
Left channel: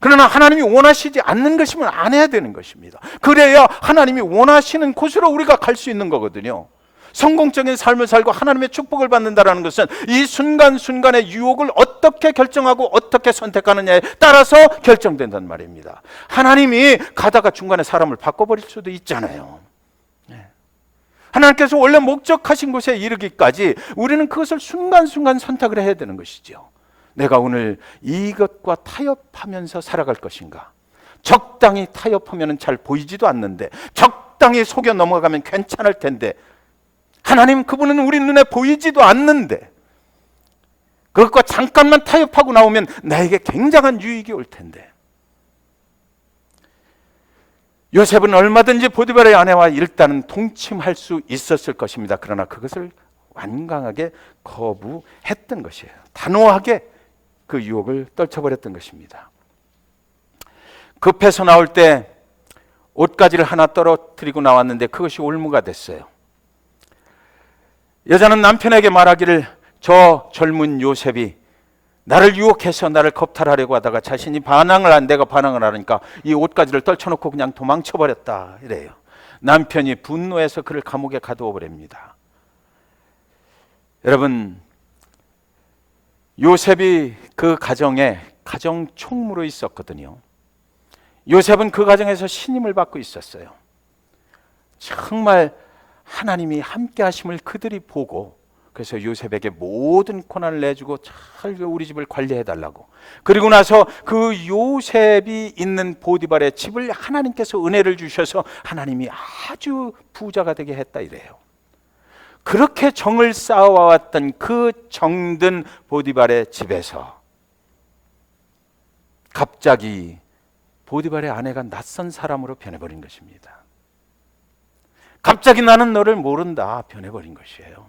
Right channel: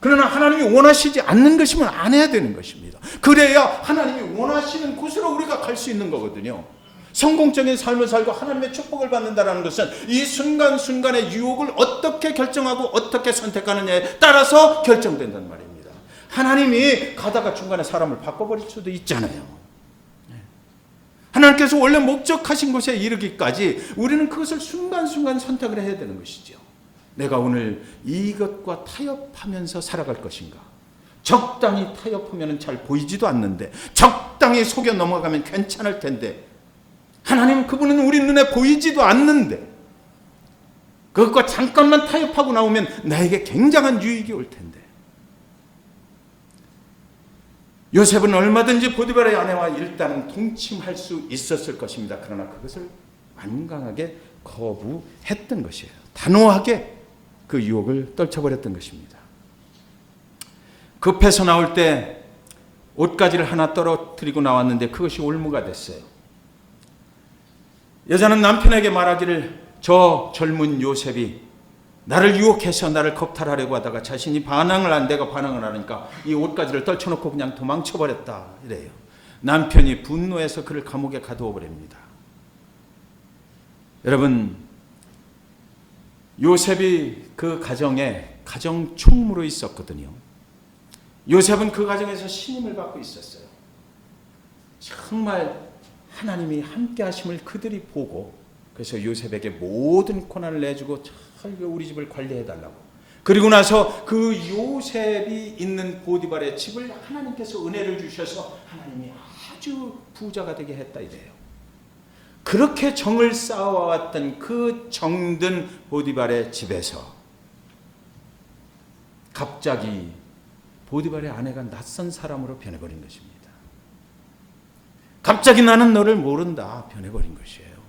그러나 하나님이 원하시지 않는 것이면 안 해야 되는 것입니다. 그래야 하나님이 원하시는 곳으로 우리가 갈 수 있는 거거든요. 성공적인 삶을 살고 하나님의 축복을 받는다는 것은 이 순간순간의 유혹을 어떻게 결정하고 어떻게 선택하느냐에 따라서 결정된단 말입니다. 하나님이 가다가 중간에 사람을 바꿔버릴 수도 있잖아요. 하나님께서 원래 목적하신 곳에 이르기까지 우리는 그것을 순간순간 선택을 해야 되는 것이죠. 내가 오늘 이것과 타협하면서 살아갈 것인가? 적당히 타협하면 잘 보이지도 않는데 적당히 속여 넘어가면 괜찮을 텐데 하나님 그분은 우리 눈에 보이지도 않는데 그것과 잠깐만 타협하고 나오면 나에게 굉장한 유익이 올 텐데 요셉은 얼마든지 보디발의 아내와 일단은 동침할 수 있었을 것입니다. 그러나 그것을 완강하게 거부했던 것이에요. 단호하게 그 유혹을 떨쳐버렸던 것입니다. 급해서 나올 때 옷가지를 하나 떨어뜨리고 나왔는데 그것이 올무가 됐어요. 여자는 남편에게 말하기를 저 젊은 요셉이 나를 유혹해서 나를 겁탈하려고 하다가 자신이 내가 반항을 하니까 이 옷가지를 떨쳐놓고 그냥 도망쳐버렸다 이래요. 남편이 분노해서 그를 감옥에 가두어 버립니다. 여러분, 요셉이 그 가정에 가정 총무로 있었거든요. 요셉은 그 가정에서 신임을 받고 있었어요. 정말 하나님이 함께 하심을 그들이 보고 그래서 요셉에게 모든 권한을 내주고 잘 우리 집을 관리해달라고. 그리고 나서 그 요셉이 있는 보디발의 집을 하나님께서 은혜를 주셔서 하나님이 아주 부자가 되게 했다 이래요. 그렇게 정을 쌓아왔던 그 정든 보디발의 집에서 갑자기 보디발의 아내가 낯선 사람으로 변해버린 것입니다. 갑자기 나는 너를 모른다 변해버린 것이에요.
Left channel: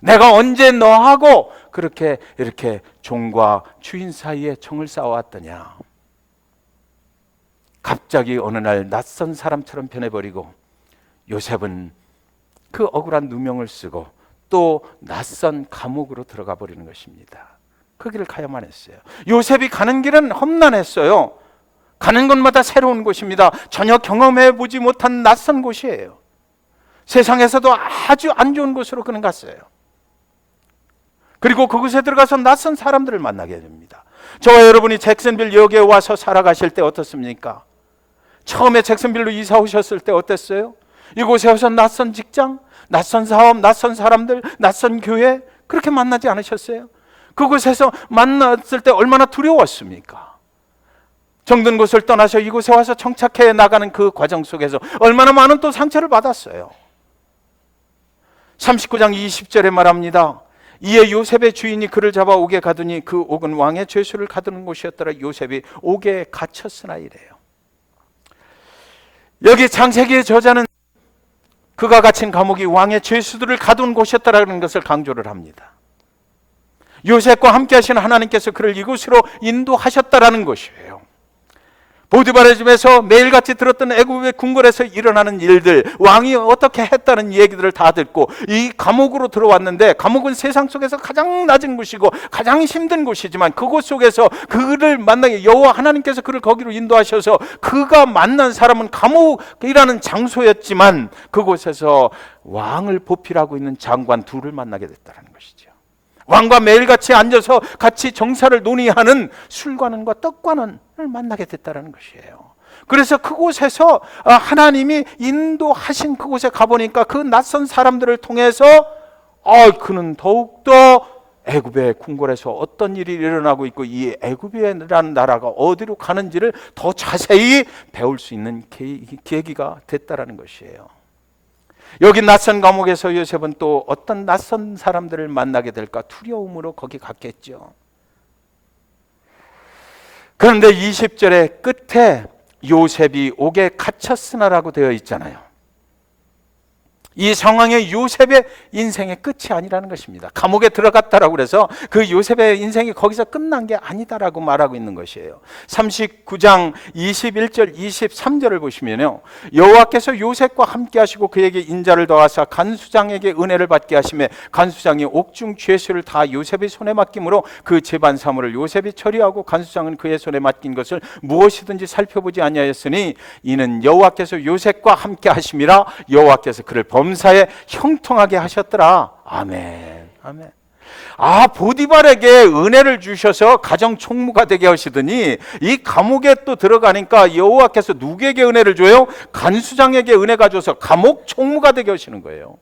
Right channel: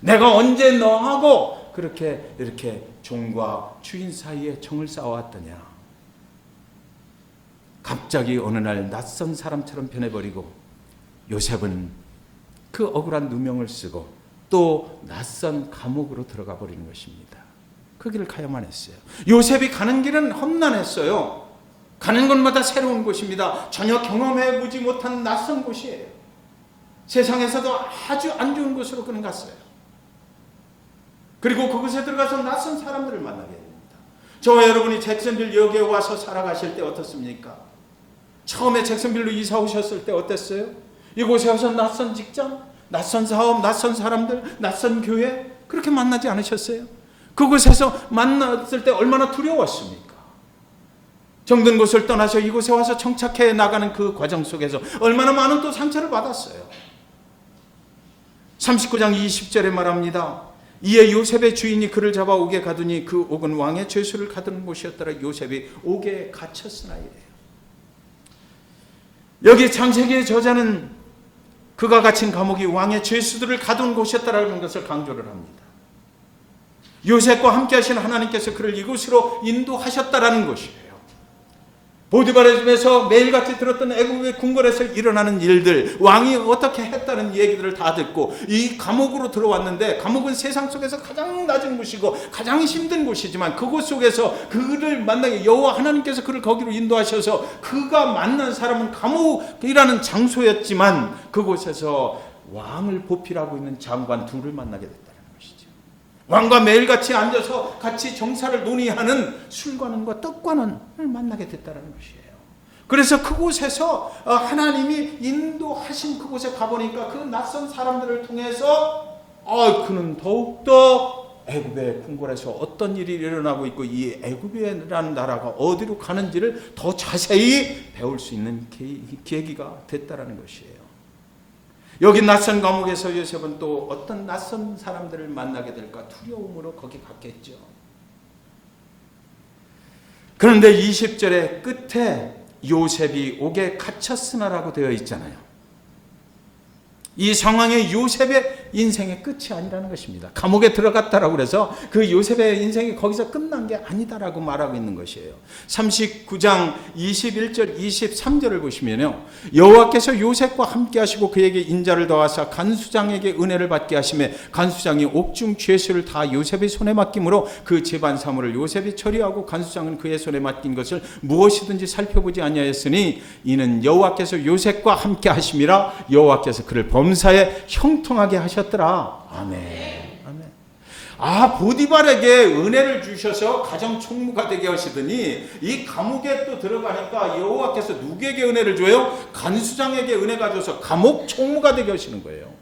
내가 언제 너하고 그렇게 이렇게 종과 주인 사이에 정을 쌓아왔더냐. 갑자기 어느 날 낯선 사람처럼 변해버리고 요셉은 그 억울한 누명을 쓰고 또 낯선 감옥으로 들어가 버리는 것입니다. 그 길을 가야만 했어요. 요셉이 가는 길은 험난했어요. 가는 곳마다 새로운 곳입니다. 전혀 경험해보지 못한 낯선 곳이에요. 세상에서도 아주 안 좋은 곳으로 그는 갔어요. 그리고 그곳에 들어가서 낯선 사람들을 만나게 됩니다. 저와 여러분이 잭슨빌 역에 와서 살아가실 때 어떻습니까? 처음에 잭슨빌로 이사 오셨을 때 어땠어요? 이곳에 와서 낯선 직장, 낯선 사업, 낯선 사람들, 낯선 교회 그렇게 만나지 않으셨어요? 그곳에서 만났을 때 얼마나 두려웠습니까? 정든 곳을 떠나서 이곳에 와서 정착해 나가는 그 과정 속에서 얼마나 많은 또 상처를 받았어요. 39장 20절에 말합니다. 이에 요셉의 주인이 그를 잡아 옥에 가두니 그 옥은 왕의 죄수를 가두는 곳이었더라. 요셉이 옥에 갇혔으나 이래요. 여기 창세기의 저자는 그가 갇힌 감옥이 왕의 죄수들을 가둔 곳이었다라는 것을 강조를 합니다. 요셉과 함께 하신 하나님께서 그를 이곳으로 인도하셨다라는 것이에요. 보디발의 집에서 매일같이 들었던 애굽의 궁궐에서 일어나는 일들, 왕이 어떻게 했다는 얘기들을 다 듣고 이 감옥으로 들어왔는데 감옥은 세상 속에서 가장 낮은 곳이고 가장 힘든 곳이지만 그곳 속에서 그를 만나게 여호와 하나님께서 그를 거기로 인도하셔서 그가 만난 사람은 감옥이라는 장소였지만 그곳에서 왕을 보필하고 있는 장관 둘을 만나게 됐다는 것이죠. 왕과 매일같이 앉아서 같이 정사를 논의하는 술관원과 떡관원을 만나게 됐다는 것이에요. 그래서 그곳에서 하나님이 인도하신 그곳에 가보니까 그 낯선 사람들을 통해서 그는 더욱더 애굽의 궁궐에서 어떤 일이 일어나고 있고 이 애굽이라는 나라가 어디로 가는지를 더 자세히 배울 수 있는 계기가 됐다는 것이에요. 여기 낯선 감옥에서 요셉은 또 어떤 낯선 사람들을 만나게 될까 두려움으로 거기 갔겠죠. 그런데 20절의 끝에 요셉이 옥에 갇혔으나라고 되어 있잖아요. 이 상황에 요셉의 인생의 끝이 아니라는 것입니다. 감옥에 들어갔다라고 그래서 그 요셉의 인생이 거기서 끝난 게 아니다라고 말하고 있는 것이에요. 39장 21절 23절을 보시면요. 여호와께서 요셉과 함께 하시고 그에게 인자를 더하사 간수장에게 은혜를 받게 하시매 간수장이 옥중 죄수를 다 요셉의 손에 맡김으로 그 재반 사물을 요셉이 처리하고 간수장은 그의 손에 맡긴 것을 무엇이든지 살펴보지 아니하였으니 이는 여호와께서 요셉과 함께 하심이라. 여호와께서 그를 범사에 형통하게 하셨더라. 아멘. 아멘. 아, 보디발에게 은혜를 주셔서 가정 총무가 되게 하시더니 이 감옥에 또 들어가니까 여호와께서 누구에게 은혜를 줘요? 간수장에게 은혜가 줘서 감옥 총무가 되게 하시는 거예요.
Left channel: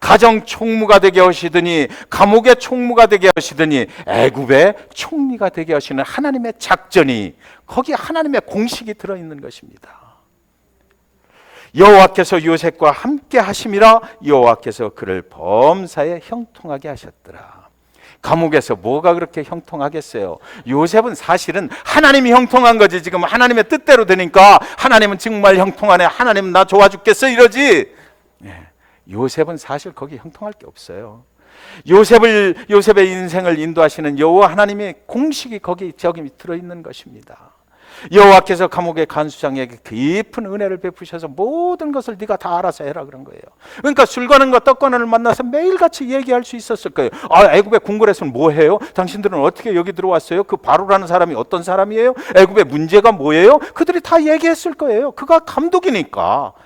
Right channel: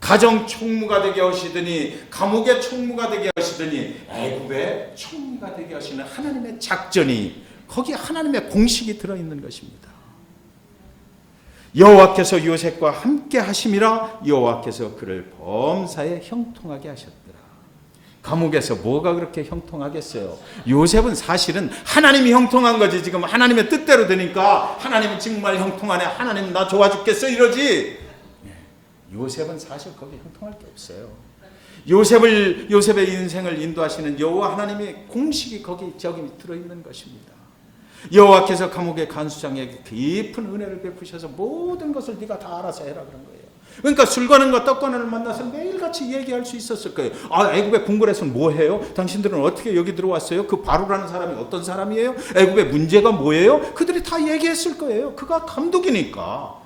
가정 총무가 되게 하시더니, 감옥의 총무가 되게 하시더니, 애굽의 총리가 되게 하시는 하나님의 작전이, 거기에 하나님의 공식이 들어있는 것입니다. 여호와께서 요셉과 함께 하심이라 여호와께서 그를 범사에 형통하게 하셨더라. 감옥에서 뭐가 그렇게 형통하겠어요? 요셉은 사실은 하나님이 형통한 거지. 지금 하나님의 뜻대로 되니까 하나님은 정말 형통하네, 하나님 나 좋아 죽겠어 이러지. 요셉은 사실 거기 형통할 게 없어요. 요셉의 인생을 인도하시는 여호와 하나님의 공식이 저기 들어있는 것입니다. 여호와께서 감옥의 간수장에게 깊은 은혜를 베푸셔서 모든 것을 네가 다 알아서 해라 그런 거예요. 그러니까 술관원과 떡관원을 만나서 매일같이 얘기할 수 있었을 거예요. 아, 애굽의 궁궐에서는 뭐 해요? 당신들은 어떻게 여기 들어왔어요? 그 바로라는 사람이 어떤 사람이에요? 애굽의 문제가 뭐예요? 그들이 다 얘기했을 거예요. 그가 감독이니까,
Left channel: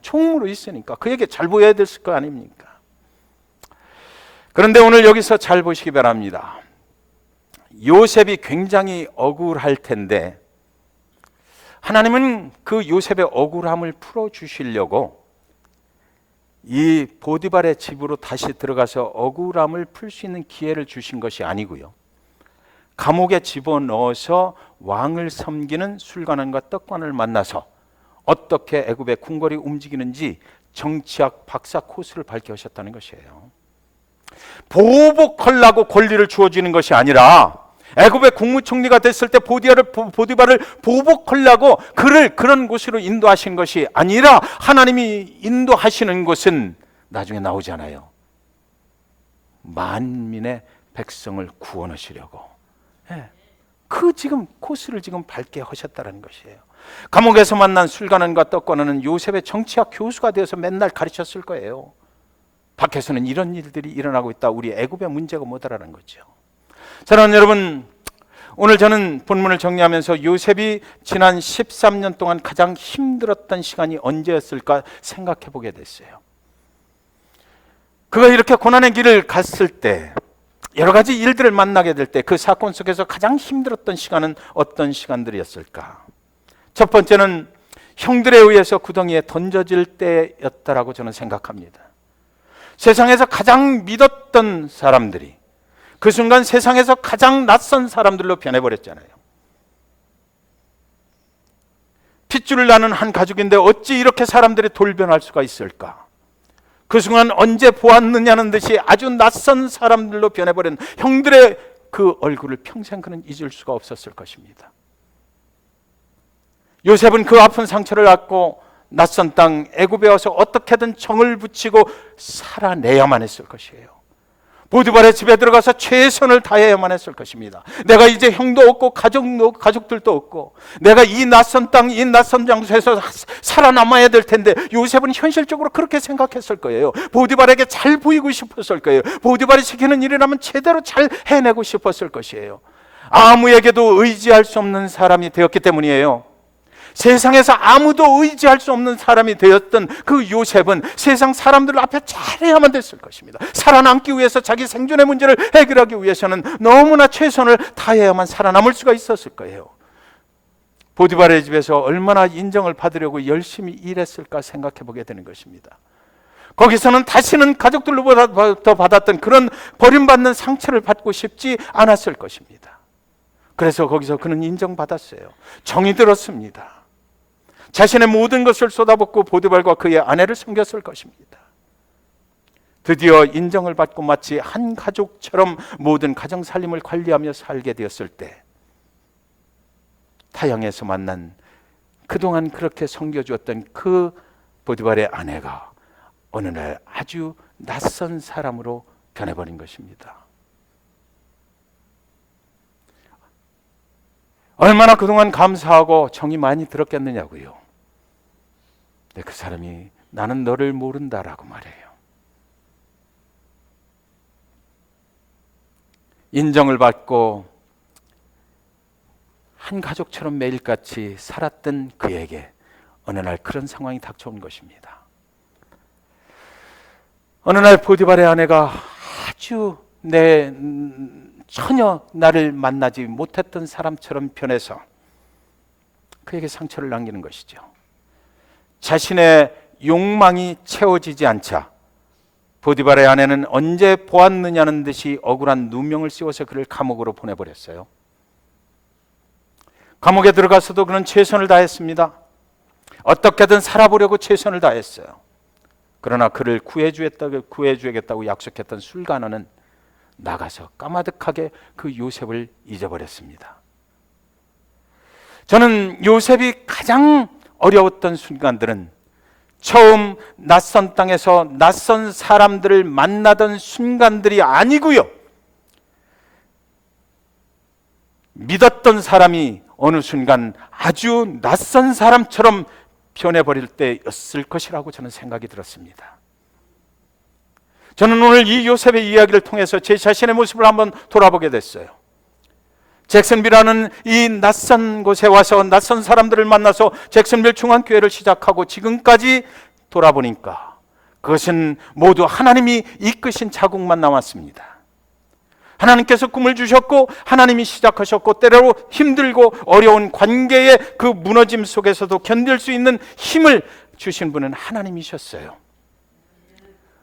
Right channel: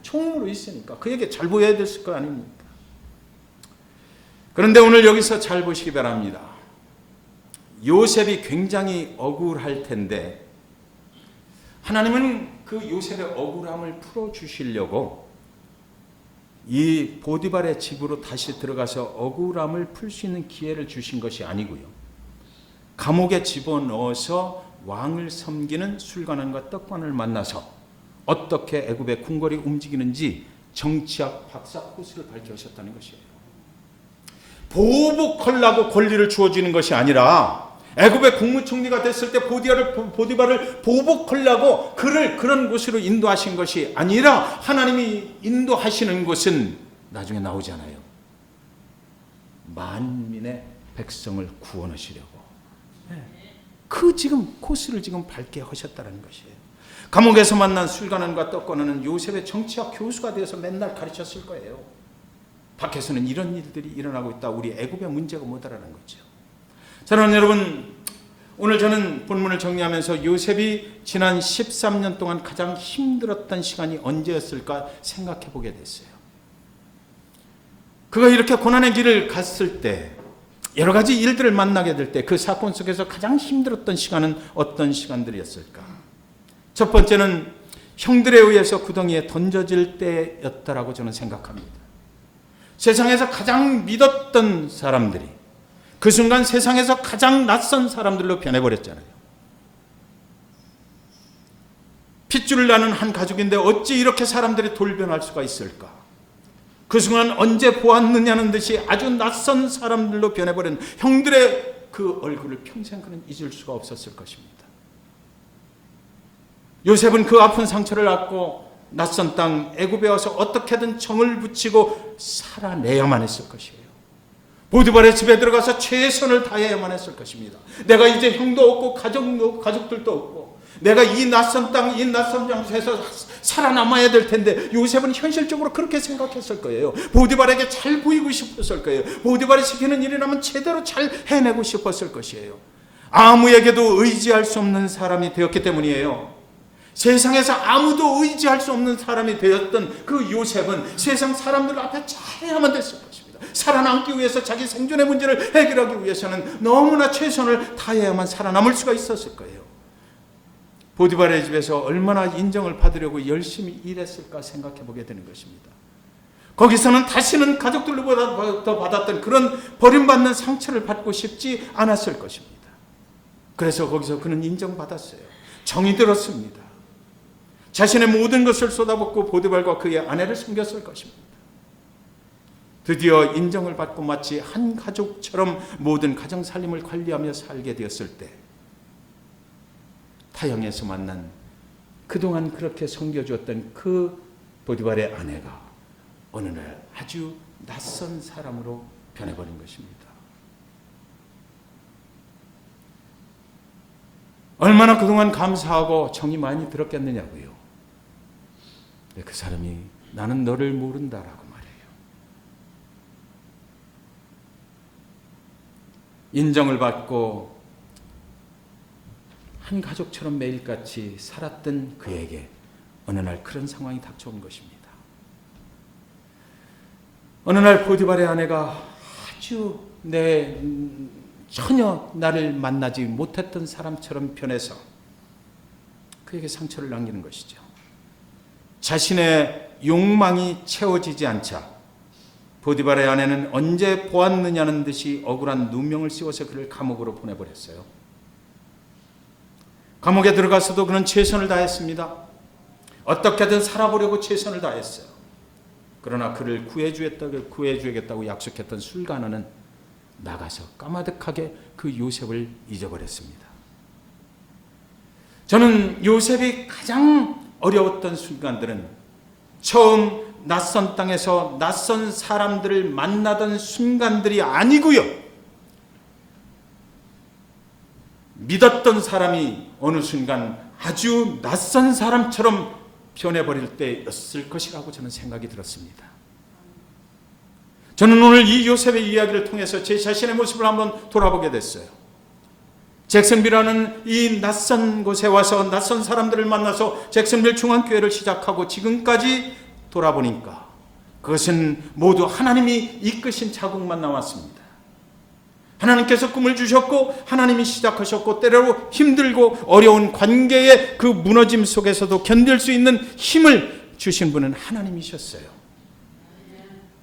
총무로 있으니까 그에게 잘 보여야 됐을 거 아닙니까? 그런데 오늘 여기서 잘 보시기 바랍니다. 요셉이 굉장히 억울할 텐데 하나님은 그 요셉의 억울함을 풀어주시려고 이 보디발의 집으로 다시 들어가서 억울함을 풀 수 있는 기회를 주신 것이 아니고요, 감옥에 집어넣어서 왕을 섬기는 술관원과 떡관을 만나서 어떻게 애굽의 궁궐이 움직이는지 정치학 박사 코스를 밝혀하셨다는 것이에요. 보복하려고 권리를 주어지는 것이 아니라 애굽의 국무총리가 됐을 때 보디발을 보복하려고 그를 그런 곳으로 인도하신 것이 아니라 하나님이 인도하시는 곳은 나중에 나오잖아요. 만민의 백성을 구원하시려고. 그 지금 코스를 지금 밟게 하셨다는 것이에요. 감옥에서 만난 술관원과 떡관원은 요셉의 정치학 교수가 되어서 맨날 가르쳤을 거예요. 밖에서는 이런 일들이 일어나고 있다. 우리 애굽의 문제가 뭐다라는 거죠. 사랑하는 여러분, 오늘 저는 본문을 정리하면서 요셉이 지난 13년 동안 가장 힘들었던 시간이 언제였을까 생각해 보게 됐어요. 그가 이렇게 고난의 길을 갔을 때, 여러 가지 일들을 만나게 될 때 그 사건 속에서 가장 힘들었던 시간은 어떤 시간들이었을까? 첫 번째는 형들에 의해서 구덩이에 던져질 때였다라고 저는 생각합니다. 세상에서 가장 믿었던 사람들이 그 순간 세상에서 가장 낯선 사람들로 변해버렸잖아요. 핏줄을 나는 한 가족인데 어찌 이렇게 사람들이 돌변할 수가 있을까? 그 순간 언제 보았느냐는 듯이 아주 낯선 사람들로 변해버린 형들의 그 얼굴을 평생 그는 잊을 수가 없었을 것입니다. 요셉은 그 아픈 상처를 갖고 낯선 땅 애굽에 와서 어떻게든 정을 붙이고 살아내야만 했을 것이에요. 보디발의 집에 들어가서 최선을 다해야만 했을 것입니다. 내가 이제 형도 없고 가족들도 없고 내가 이 낯선 땅, 이 낯선 장소에서 살아남아야 될 텐데 요셉은 현실적으로 그렇게 생각했을 거예요. 보디발에게 잘 보이고 싶었을 거예요. 보디발이 시키는 일이라면 제대로 잘 해내고 싶었을 것이에요. 아무에게도 의지할 수 없는 사람이 되었기 때문이에요. 세상에서 아무도 의지할 수 없는 사람이 되었던 그 요셉은 세상 사람들 앞에 잘해야만 됐을 것입니다. 살아남기 위해서 자기 생존의 문제를 해결하기 위해서는 너무나 최선을 다해야만 살아남을 수가 있었을 거예요. 보디발의 집에서 얼마나 인정을 받으려고 열심히 일했을까 생각해 보게 되는 것입니다. 거기서는 다시는 가족들로부터 받았던 그런 버림받는 상처를 받고 싶지 않았을 것입니다. 그래서 거기서 그는 인정받았어요. 정이 들었습니다. 자신의 모든 것을 쏟아붓고 보디발과 그의 아내를 섬겼을 것입니다. 드디어 인정을 받고 마치 한 가족처럼 모든 가정 살림을 관리하며 살게 되었을 때 타향에서 만난 그동안 그렇게 섬겨주었던 그 보디발의 아내가 어느 날 아주 낯선 사람으로 변해버린 것입니다. 얼마나 그동안 감사하고 정이 많이 들었겠느냐고요. 근데 그 사람이 나는 너를 모른다라고 말해요. 인정을 받고 한 가족처럼 매일같이 살았던 그에게 어느 날 그런 상황이 닥쳐온 것입니다. 어느 날 보디발의 아내가 아주 전혀 나를 만나지 못했던 사람처럼 변해서 그에게 상처를 남기는 것이죠. 자신의 욕망이 채워지지 않자 보디발의 아내는 언제 보았느냐는 듯이 억울한 누명을 씌워서 그를 감옥으로 보내버렸어요. 감옥에 들어가서도 그는 최선을 다했습니다. 어떻게든 살아보려고 최선을 다했어요. 그러나 그를 구해주겠다고 약속했던 술가너는 나가서 까마득하게 그 요셉을 잊어버렸습니다. 저는 요셉이 가장 어려웠던 순간들은 처음 낯선 땅에서 낯선 사람들을 만나던 순간들이 아니고요, 믿었던 사람이 어느 순간 아주 낯선 사람처럼 변해버릴 때였을 것이라고 저는 생각이 들었습니다. 저는 오늘 이 요셉의 이야기를 통해서 제 자신의 모습을 한번 돌아보게 됐어요. 잭슨빌이라는 이 낯선 곳에 와서 낯선 사람들을 만나서 잭슨빌 중앙교회를 시작하고 지금까지 돌아보니까 그것은 모두 하나님이 이끄신 자국만 남았습니다. 하나님께서 꿈을 주셨고 하나님이 시작하셨고 때로 힘들고 어려운 관계의 그 무너짐 속에서도 견딜 수 있는 힘을 주신 분은 하나님이셨어요.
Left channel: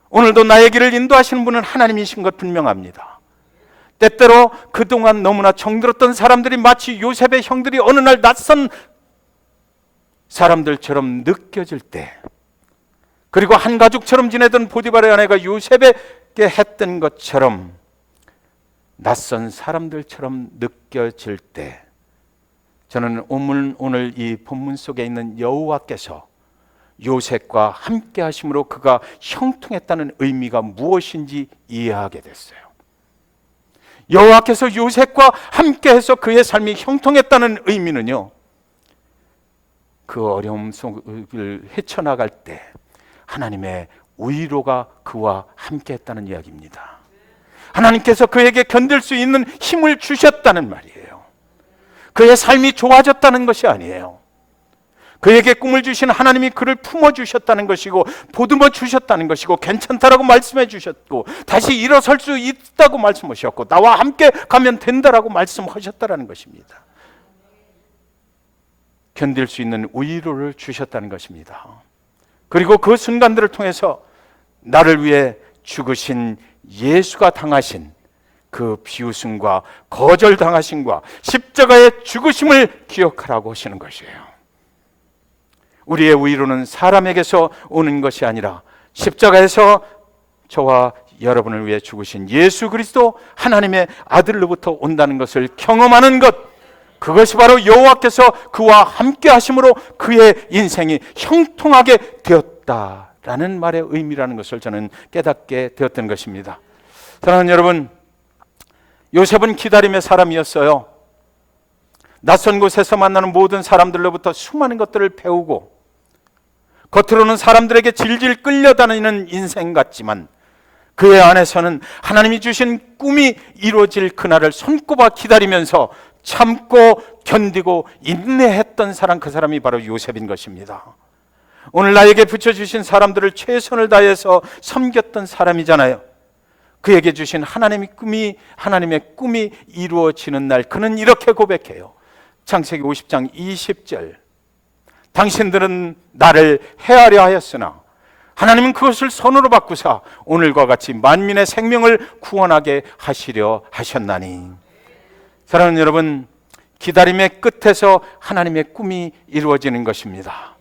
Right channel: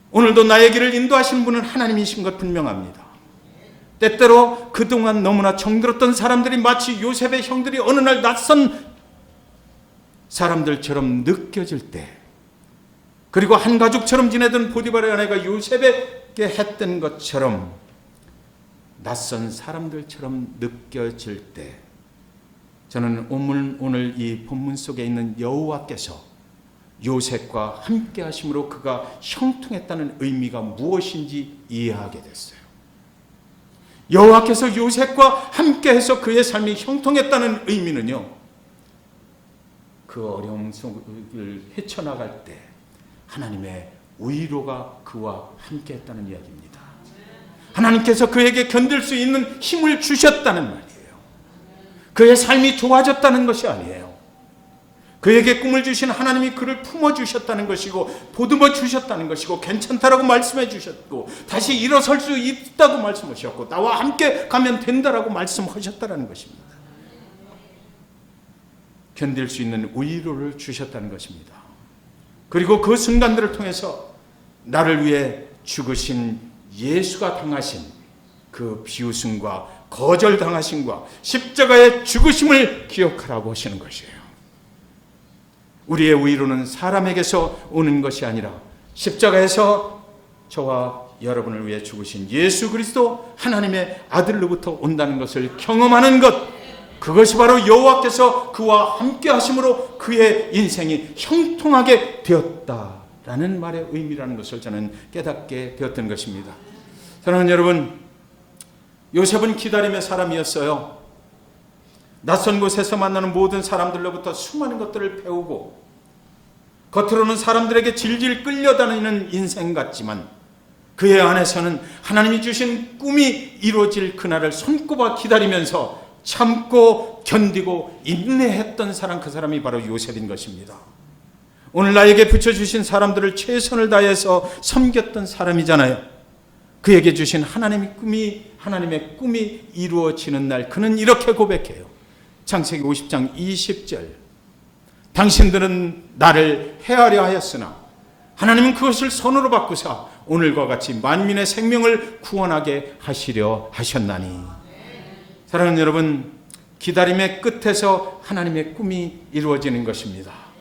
오늘도 나의 길을 인도하시는 분은 하나님이신 것 분명합니다. 때때로 그동안 너무나 정들었던 사람들이 마치 요셉의 형들이 어느 날 낯선 사람들처럼 느껴질 때, 그리고 한 가족처럼 지내던 보디발의 아내가 요셉에게 했던 것처럼 낯선 사람들처럼 느껴질 때, 저는 오늘 이 본문 속에 있는 여호와께서 요셉과 함께 하심으로 그가 형통했다는 의미가 무엇인지 이해하게 됐어요. 여호와께서 요셉과 함께해서 그의 삶이 형통했다는 의미는요, 그 어려움 속을 헤쳐나갈 때 하나님의 위로가 그와 함께했다는 이야기입니다. 하나님께서 그에게 견딜 수 있는 힘을 주셨다는 말이에요. 그의 삶이 좋아졌다는 것이 아니에요. 그에게 꿈을 주신 하나님이 그를 품어주셨다는 것이고 보듬어 주셨다는 것이고 괜찮다라고 말씀해 주셨고 다시 일어설 수 있다고 말씀하셨고 나와 함께 가면 된다라고 말씀하셨다는 것입니다. 견딜 수 있는 위로를 주셨다는 것입니다. 그리고 그 순간들을 통해서 나를 위해 죽으신 예수가 당하신 그 비웃음과 거절당하심과 십자가의 죽으심을 기억하라고 하시는 것이에요. 우리의 위로는 사람에게서 오는 것이 아니라 십자가에서 저와 여러분을 위해 죽으신 예수 그리스도 하나님의 아들로부터 온다는 것을 경험하는 것, 그것이 바로 여호와께서 그와 함께 하심으로 그의 인생이 형통하게 되었다라는 말의 의미라는 것을 저는 깨닫게 되었던 것입니다. 사랑하는 여러분, 요셉은 기다림의 사람이었어요. 낯선 곳에서 만나는 모든 사람들로부터 수많은 것들을 배우고 겉으로는 사람들에게 질질 끌려다니는 인생 같지만 그의 안에서는 하나님이 주신 꿈이 이루어질 그날을 손꼽아 기다리면서 참고 견디고 인내했던 사람, 그 사람이 바로 요셉인 것입니다. 오늘 나에게 붙여주신 사람들을 최선을 다해서 섬겼던 사람이잖아요. 그에게 주신 하나님의 꿈이 이루어지는 날 그는 이렇게 고백해요. 창세기 50장 20절, 당신들은 나를 해하려 하였으나 하나님은 그것을 선으로 바꾸사 오늘과 같이 만민의 생명을 구원하게 하시려 하셨나니. 사랑하는 여러분, 기다림의 끝에서 하나님의 꿈이 이루어지는 것입니다.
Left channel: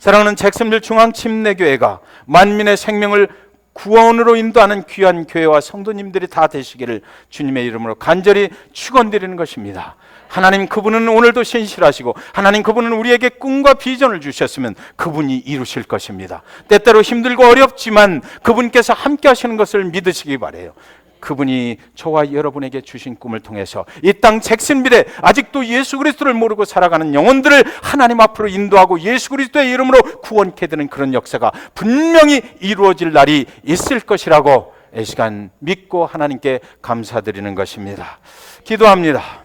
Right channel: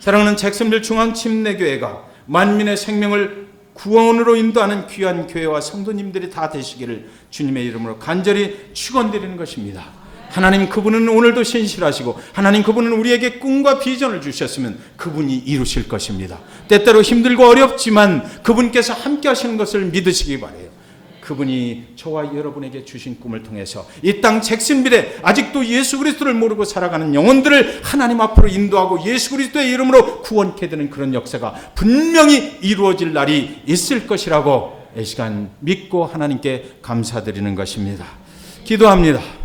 사랑하는 잭슨빌 중앙침례교회가 만민의 생명을 구원으로 인도하는 귀한 교회와 성도님들이 다 되시기를 주님의 이름으로 간절히 축원드리는 것입니다. 하나님 그분은 오늘도 신실하시고 하나님 그분은 우리에게 꿈과 비전을 주셨으면 그분이 이루실 것입니다. 때때로 힘들고 어렵지만 그분께서 함께 하시는 것을 믿으시기 바라요. 그분이 저와 여러분에게 주신 꿈을 통해서 이 땅 잭슨빌에 아직도 예수 그리스도를 모르고 살아가는 영혼들을 하나님 앞으로 인도하고 예수 그리스도의 이름으로 구원케 되는 그런 역사가 분명히 이루어질 날이 있을 것이라고 이 시간 믿고 하나님께 감사드리는 것입니다. 기도합니다.